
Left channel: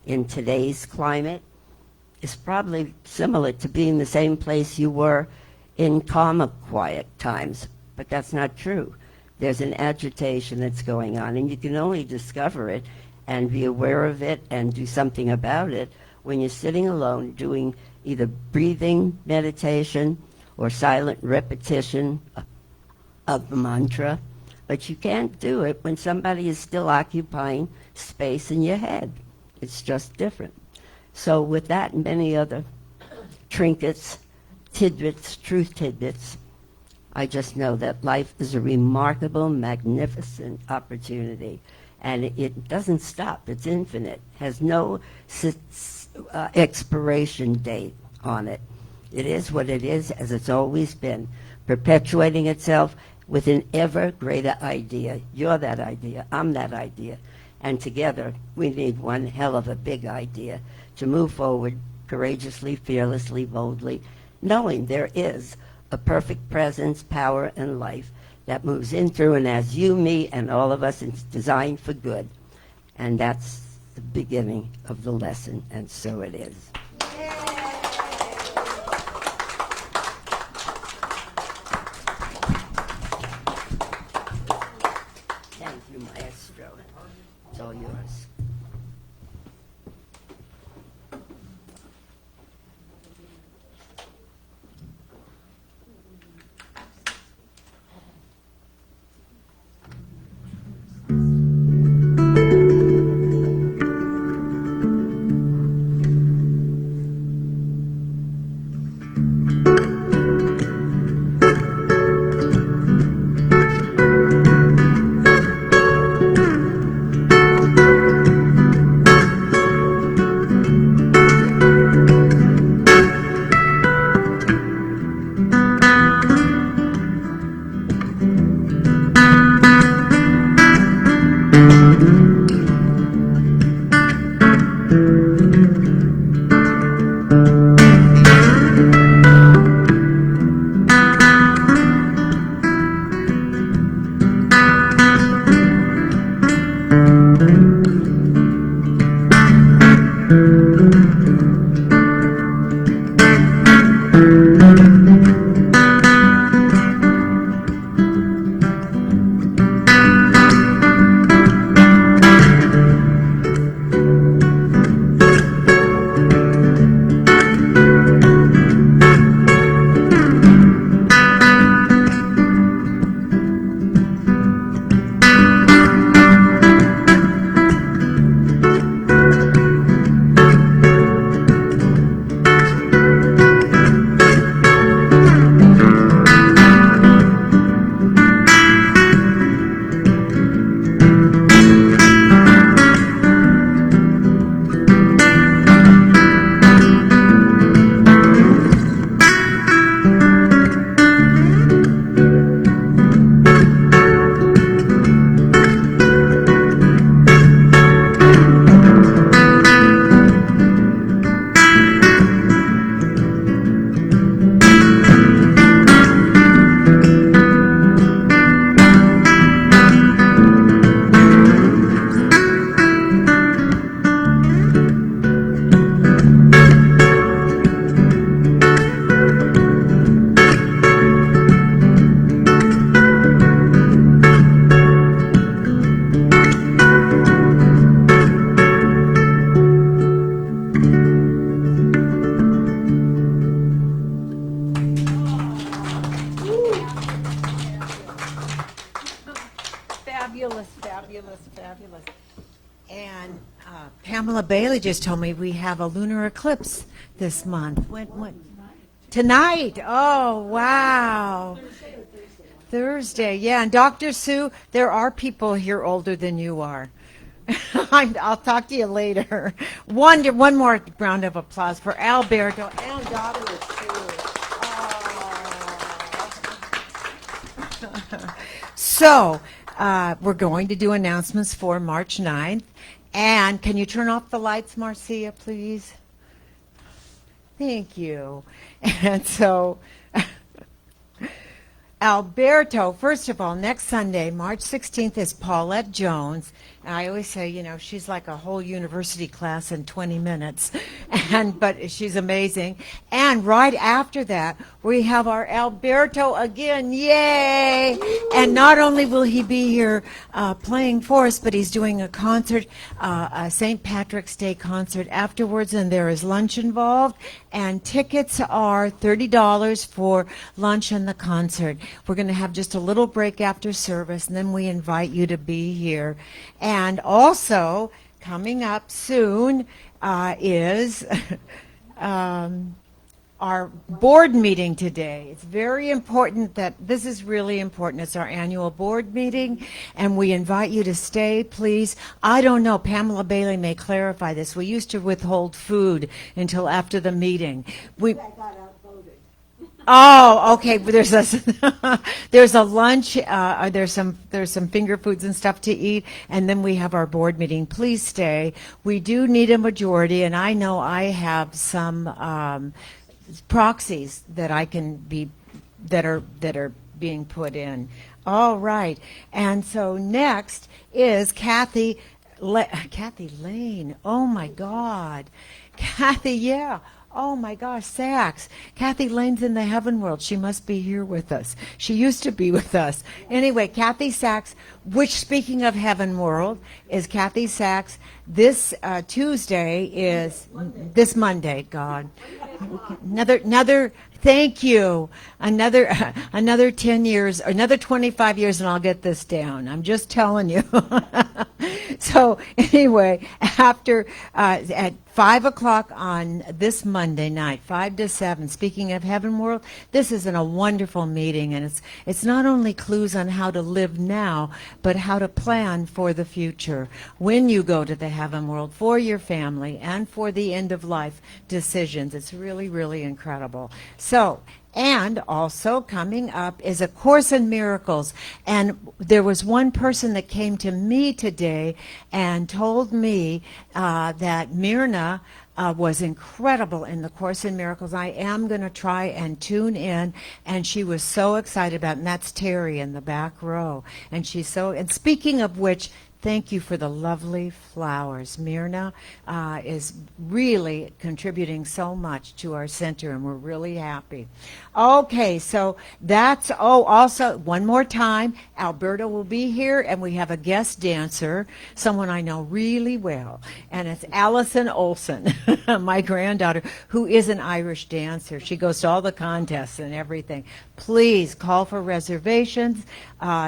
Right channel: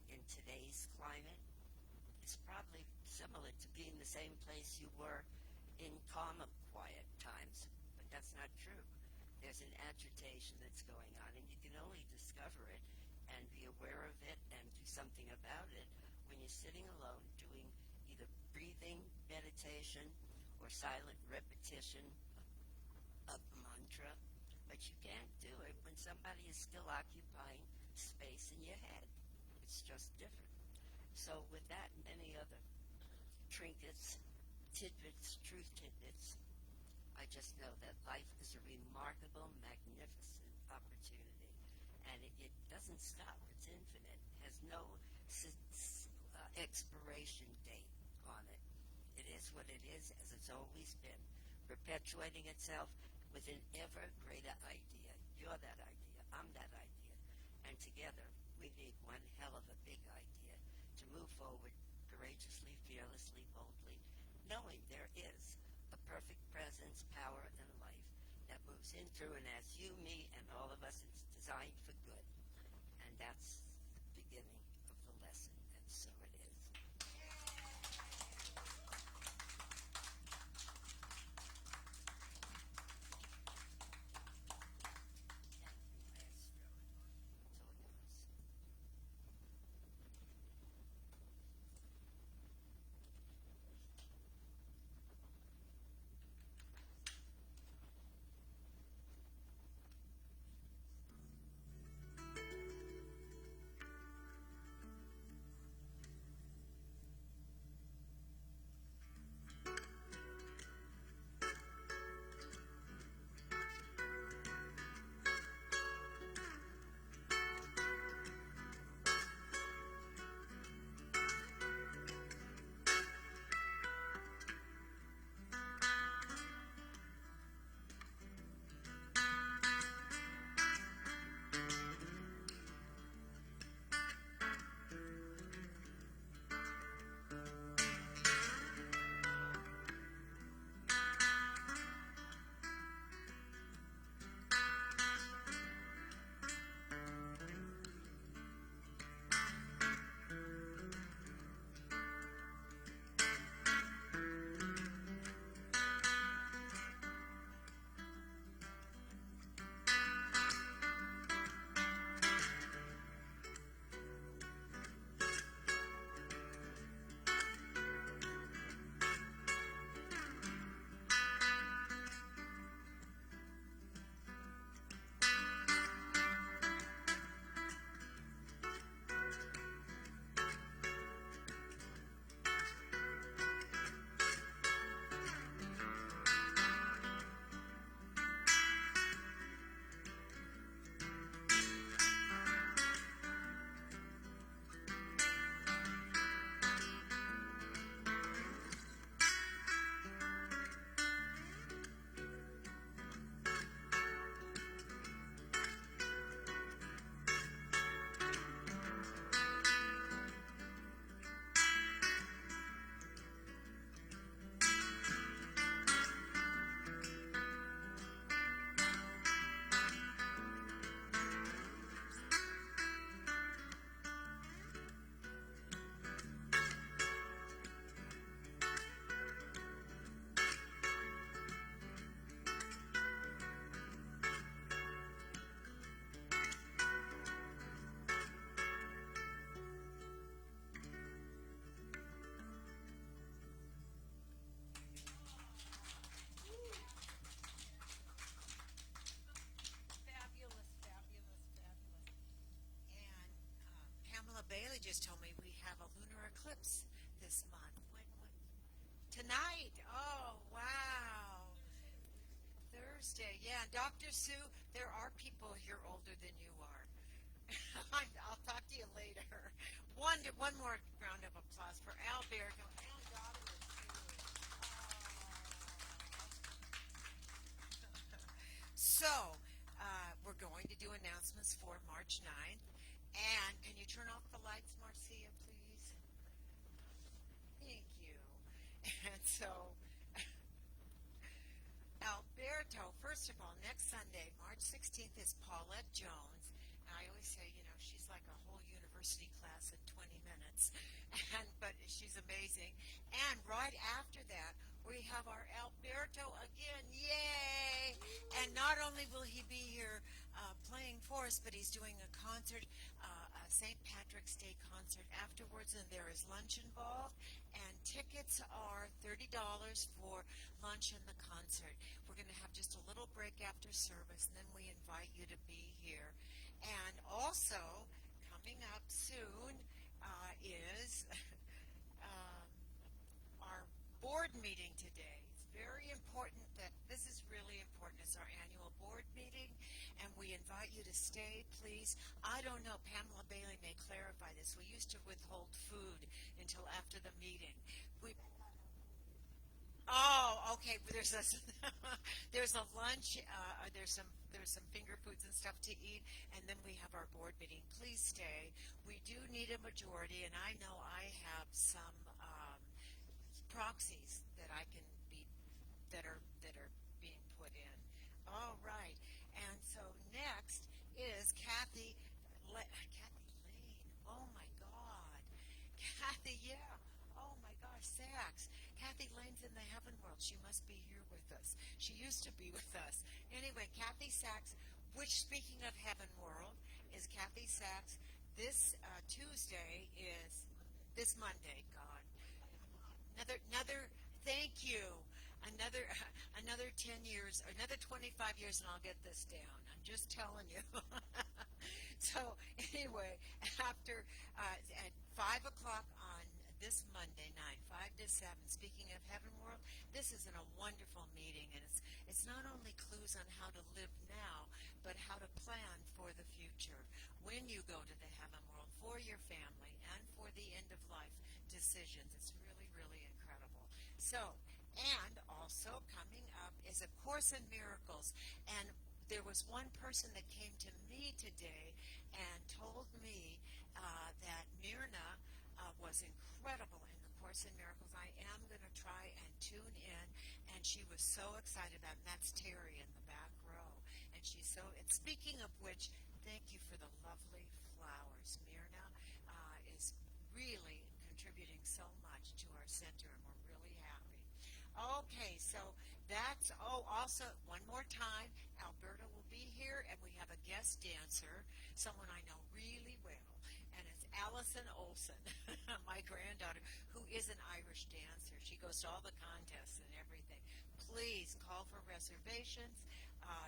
in today's climate is probably similar to being the same place you were in calmer, quiet times. But that's not true. There's an agitation that's going on, and you can only discover it and be aware of it and do something about it when you're sitting alone doing either breathing meditation or silent repetition of the mantra. But you can't do it when somebody is still occupying space in your head. It's just different. So with that and many other trinkets, tidbits, truth tidbits, I just know that life is a remarkable, magnificent opportunity. And it doesn't stop. It's infinite. Has no expiration date on it. It is what it is, as it's always been, perpetuating itself with an ever greater idea. You're that idea. I'm that idea. And together, we need one hell of a big idea to move forward courageously, fearlessly, boldly, knowing there is a perfect presence, power, and life that moves in through and as you, me, and all of us. It's designed for good. And that's the beginning of the lesson, and so it is. Thank you, Maestro. It's all yours. Fabulous. And Pamela Bailey just told me we have a lunar eclipse this month. When? Tonight. Oh, wow. Thursday. Yeah, and Dr. Sue, there are people here older than you are. I'll talk to you later. One more round of applause for Alberto and Dr. Sue. So, we're going to do announcements for March 9th. And can you turn off the lights, Marcia, please? Thank you. And so, Alberto, first of all, next Sunday, March 16th, is Paulette Jones. And I always say, she's like a whole university class in 20 minutes, but she's amazing. And right after that, we have our Alberto again, yay! And not only will he be here playing for us, but he's doing a concert, a St. Patrick's Day concert afterwards, and there is lunch involved. And tickets are $30 for lunch and the concert. We're going to have just a little break after service, and then we invite you to be here. And also, coming up soon is our board meeting today. It's very important this is really important. It's our annual board meeting, and we invite you to stay, please. I don't know, Pamela Bailey may clarify this. We used to withhold food until after the meeting. Oh, okay. There's a lunch. There's some finger foods and stuff to eat, and then we have our board meeting. Please stay. We do need a majority, and I know I have some proxies that I can be that are being put in. All right. And so next is Kathy Lane. Oh my God, Kathy. Yeah. Oh my gosh, Sachs. Kathy Lane's in the heaven world. She must be here with us. She used to be with us. Anyway, Kathy Sachs, which, speaking of heaven world, is Kathy Sachs. This Tuesday is this Monday, God. Another thank you. Another 10 years, another 25 years, and I'll get this down. I'm just telling you. So anyway, after at 5 o'clock on this Monday night, 5 to 7, speaking of heaven world, this is a wonderful meeting, and it's not only clues on how to live now, but how to plan for the future when you go to the heaven world, for your family and for the end of life decisions. It's really, really incredible. So, and also coming up is A Course in Miracles. And there was one person that came to me today and told me that Mirna was incredible in the Course in Miracles. I am going to try and tune in, and she was so excited about it. And that's Terry in the back row. And and speaking of which, thank you for the lovely flowers. Mirna is really contributing so much to our center, and we're really happy. Okay, so that's, also, one more time, Alberto will be here, and we have a guest dancer, someone I know really well, and it's Allison Olson, my granddaughter, who is an Irish dancer. She goes to all the contests and everything. Please call for reservations.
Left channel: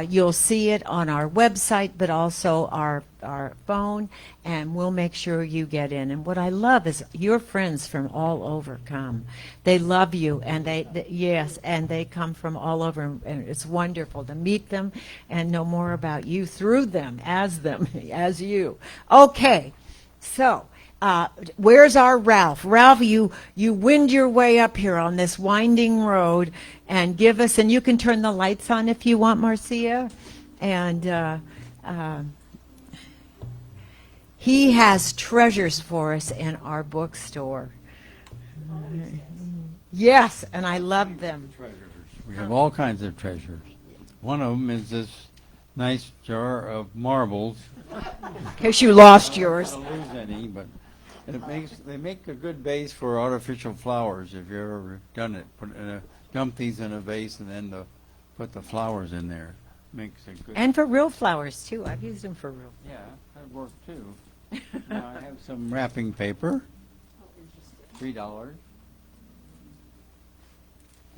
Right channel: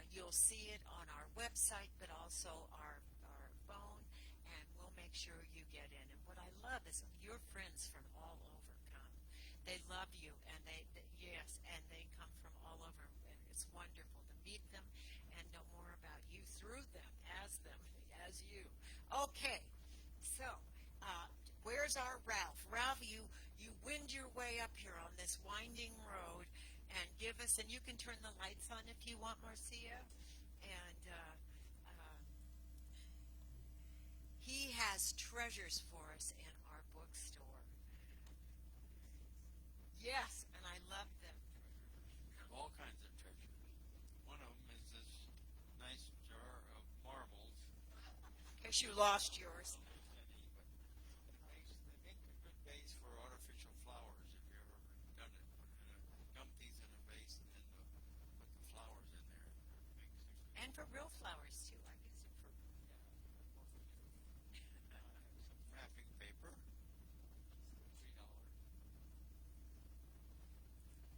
You'll see it on our website, but also our phone, and we'll make sure you get in. And what I love is your friends from all over come. They love you, and they come from all over, and it's wonderful to meet them and know more about you through them, as you. Okay, so where's our Ralph? Ralph, you wind your way up here on this winding road and give us, and you can turn the lights on if you want, Marcia. And he has treasures for us in our bookstore. Yes, and I love them. Treasures. We have all kinds of treasures. One of them is this nice jar of marbles. In case you lost yours. I don't lose any, but they make a good base for artificial flowers. If you've ever done it, dump these in a vase and then put the flowers in there. Makes a good. And for real flowers too. I've used them for real. Yeah, that works too. I have some wrapping paper. $3.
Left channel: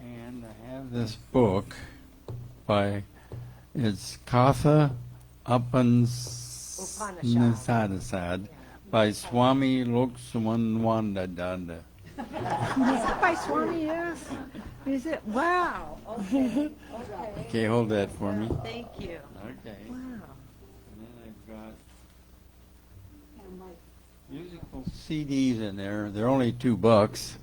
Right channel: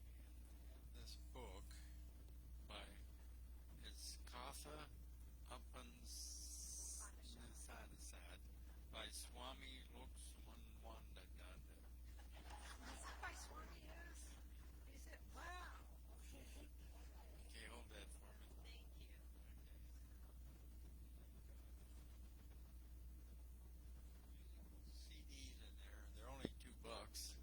And I have this book it's Katha Upanishad by Swami Loksamanwandadanda. Is that by Swami? Yes. Is it? Wow. Okay. Okay, hold that for me. Thank you. Okay. Wow. And then I've got musical CDs in there. They're only $2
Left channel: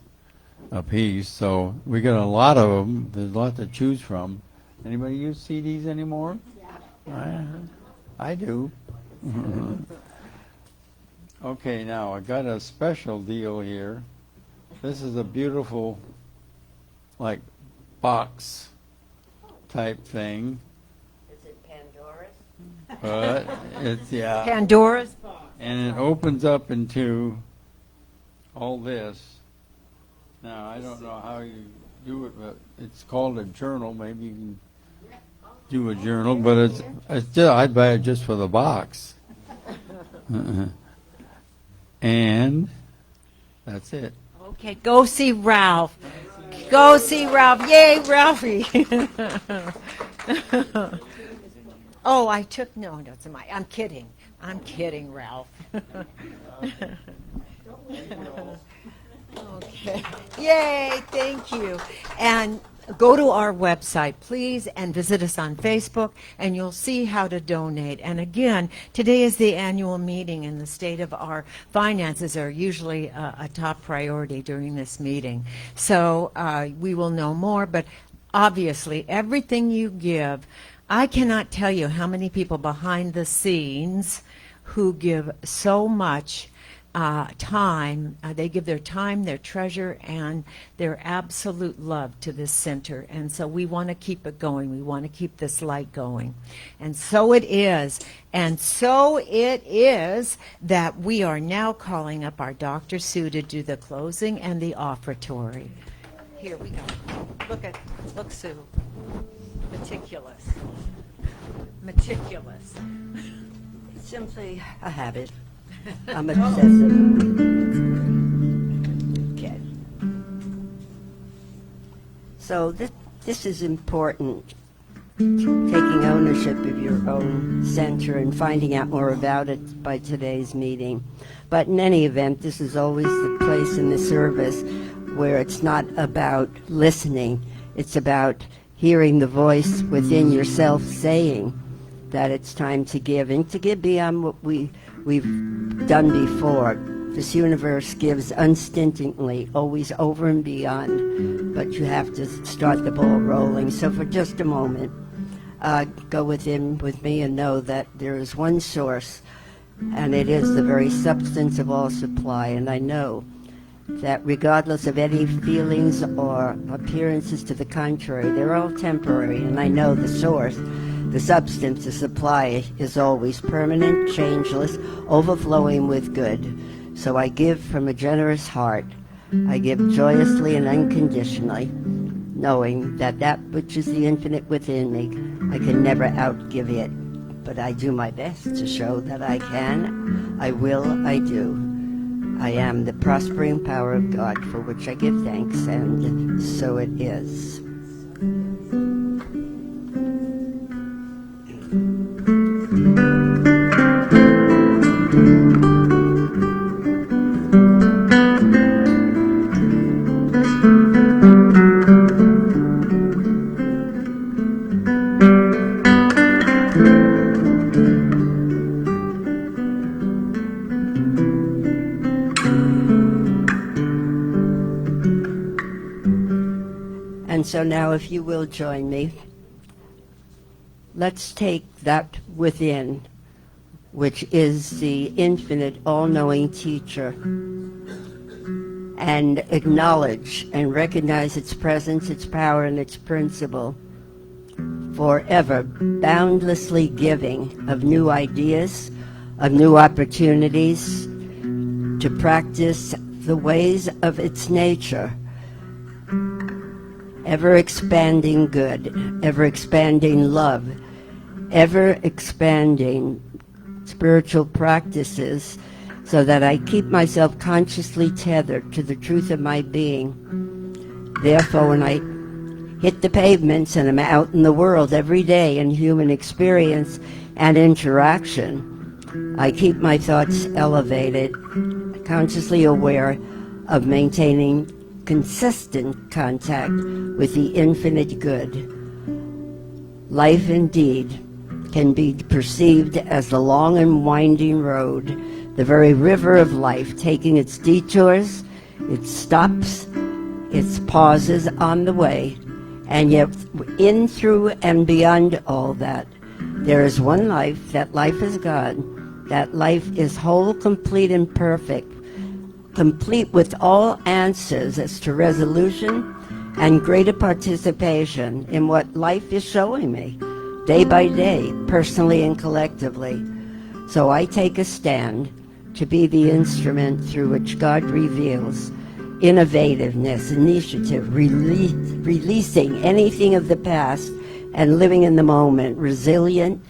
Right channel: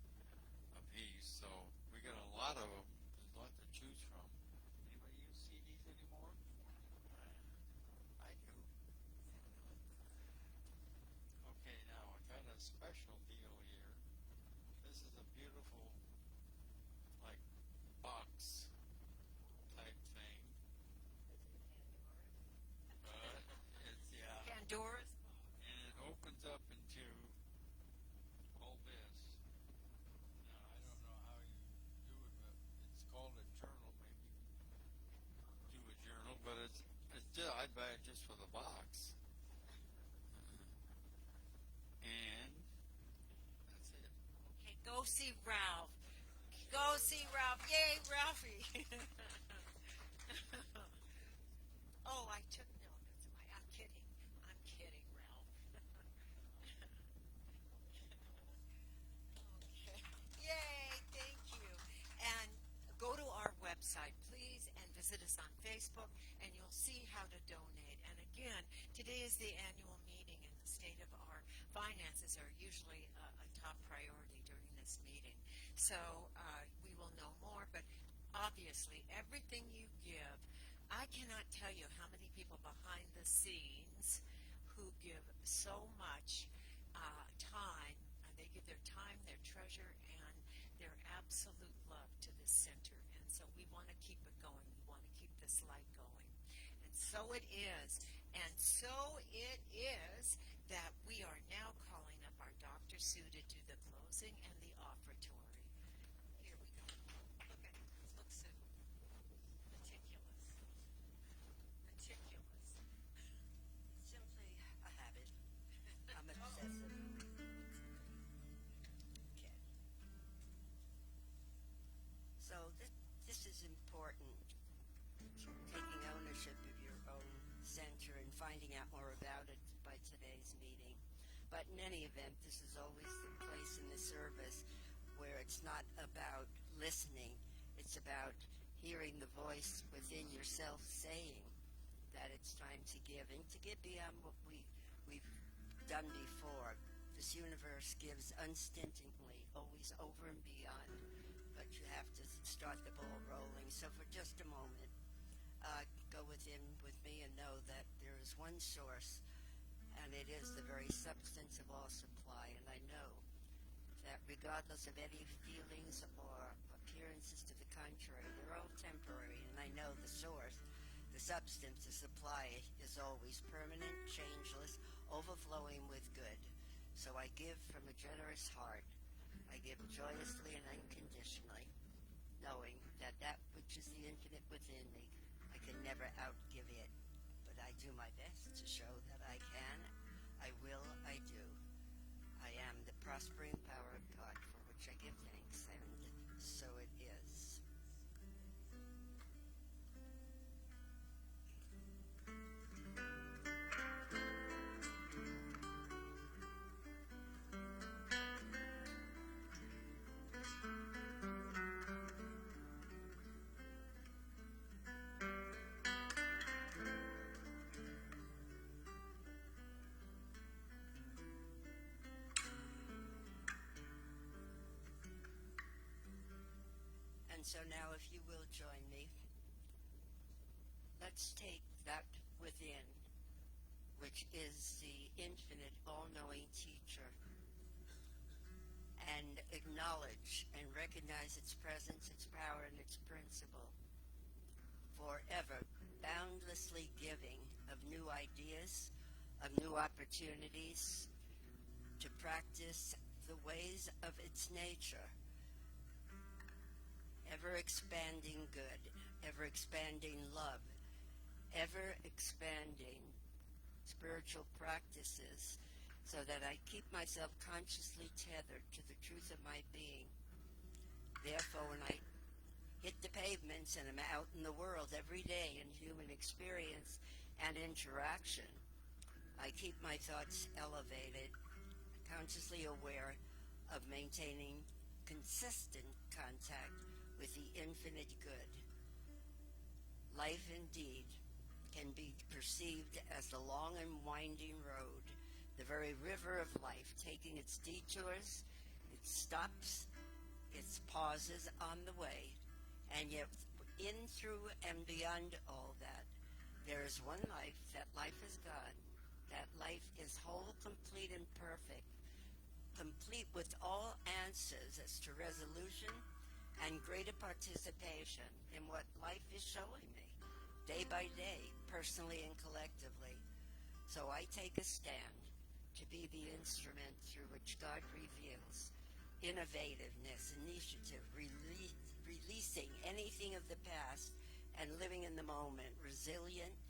a piece, so we got a lot of them. There's a lot to choose from. Anybody use CDs anymore? Yeah. I do. Okay, now I got a special deal here. This is a beautiful, like, box type thing. Is it Pandora's? But it's, yeah. Pandora's box. And it opens up into all this. Now, I don't know how you do it, but it's called a journal. Maybe you can do a journal, but it's just, I'd buy it just for the box. And that's it. Okay, go see Ralph. Go see Ralph. Yay, Ralphie. Oh, I took, no, it's my, I'm kidding. I'm kidding, Ralph. Okay. Yay, thank you. And go to our website, please, and visit us on Facebook, and you'll see how to donate. And again, today is the annual meeting, and the state of our finances are usually a top priority during this meeting. So we will know more, but obviously, everything you give, I cannot tell you how many people behind the scenes who give so much time. They give their time, their treasure, and their absolute love to this center. And so we want to keep it going. We want to keep this light going. And so it is. And so it is that we are now calling up our Dr. Sue to do the closing and the offertory. Here we go. Look, Sue. Meticulous. Meticulous. It's simply a habit. I'm obsessive. Okay. So this is important, taking ownership of your own center and finding out more about it by today's meeting. But in any event, this is always the place in the service where it's not about listening. It's about hearing the voice within yourself saying that it's time to give, and to give beyond what we've done before. This universe gives unstintingly, always over and beyond, but you have to start the ball rolling. So for just a moment, go within with me and know that there is one source, and it is the very substance of all supply. And I know that regardless of any feelings or appearances to the contrary, they're all temporary, and I know the source, the substance, the supply is always permanent, changeless, overflowing with good. So I give from a generous heart. I give joyously and unconditionally, knowing that that which is the infinite within me, I can never outgive it. But I do my best to show that I can, I will, I do. I am the prospering power of God, for which I give thanks, and so it is. And so now, if you will join me, let's take that within, which is the infinite, all-knowing teacher, and acknowledge and recognize its presence, its power, and its principle, forever boundlessly giving of new ideas, of new opportunities to practice the ways of its nature, ever-expanding good, ever-expanding love, ever-expanding spiritual practices, so that I keep myself consciously tethered to the truth of my being. Therefore, when I hit the pavements and I'm out in the world every day in human experience and interaction, I keep my thoughts elevated, consciously aware of maintaining consistent contact with the infinite good. Life indeed can be perceived as the long and winding road, the very river of life, taking its detours, its stops, its pauses on the way, and yet in, through, and beyond all that, there is one life. That life is God. That life is whole, complete, and perfect, complete with all answers as to resolution and greater participation in what life is showing me, day by day, personally and collectively. So I take a stand to be the instrument through which God reveals innovativeness, initiative, releasing anything of the past and living in the moment, resilient,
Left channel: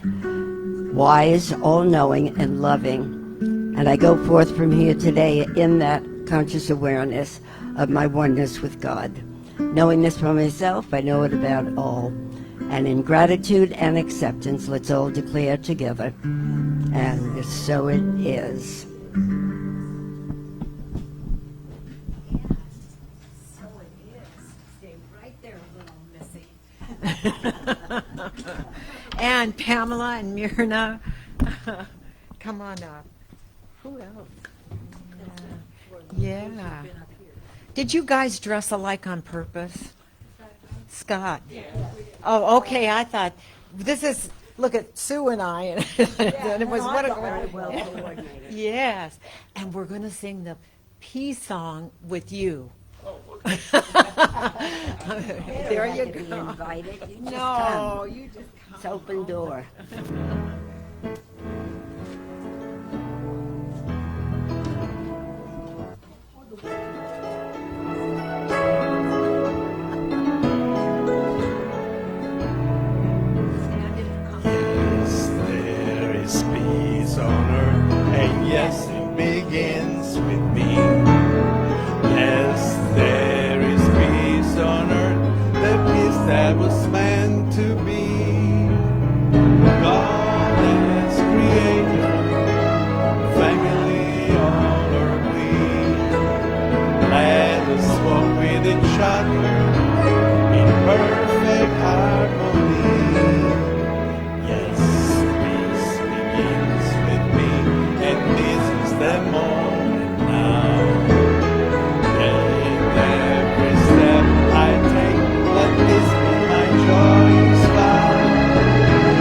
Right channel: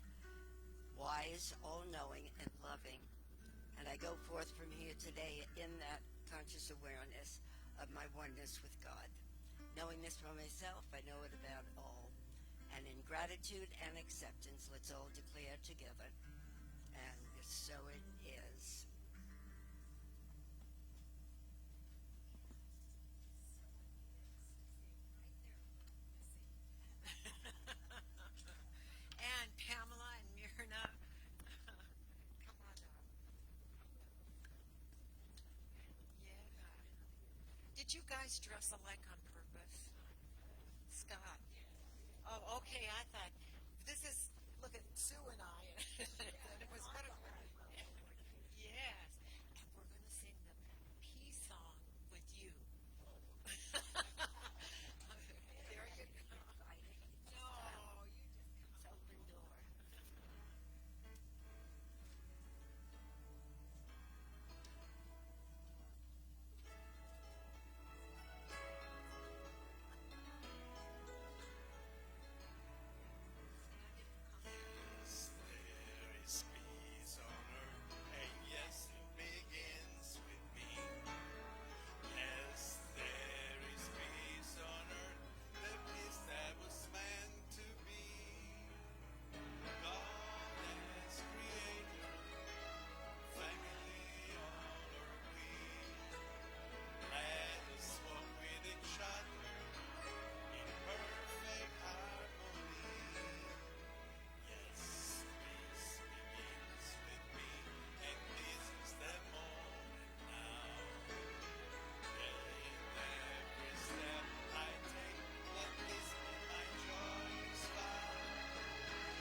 wise, all-knowing, and loving. And I go forth from here today in that conscious awareness of my oneness with God. Knowing this for myself, I know it about all. And in gratitude and acceptance, let's all declare together. And so it is. And Pamela and Mirna, come on up. Who else? Yeah. Did you guys dress alike on purpose? Scott. Oh, okay. I thought this is. Look at Sue and I, and it was what a yes. And we're going to sing the peace song with you. There you go. Invited. You just No, come. you just come. It's open door. Yes, there is peace on earth, and yes, it begins with me. Yes, there is peace on earth, the peace that was meant to be. God as creator, family on earth we. Let us walk with each other in perfect harmony. Yes, peace begins with me, and this is the moment now. In every step I take, let this be my joyous vow.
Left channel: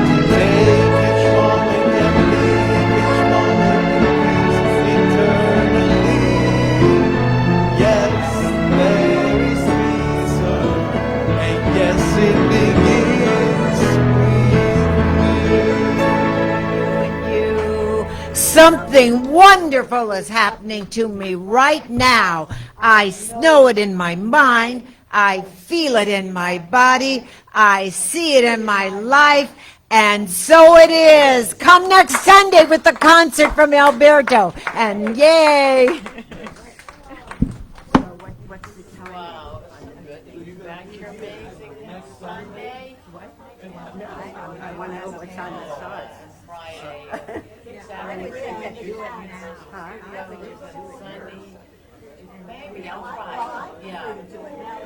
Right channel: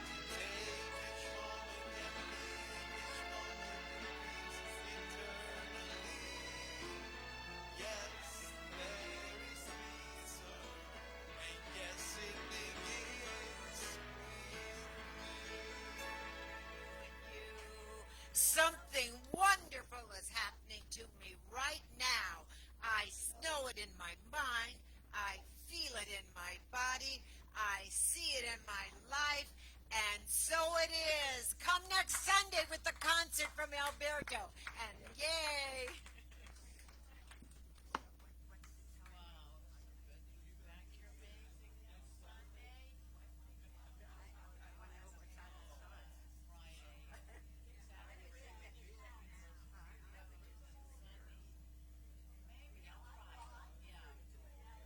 To take each moment and live each moment in peace eternally. Yes, there is peace on earth, and yes, it begins with you. Something wonderful is happening to me right now. I know it in my mind. I feel it in my body. I see it in my life. And so it is. Come next Sunday with the concert from Alberto. And yay. So what's the time? Wow. I want to know what time it starts. Friday. I would think that you would now. Huh? I would just do it now. Maybe on Friday. Yeah.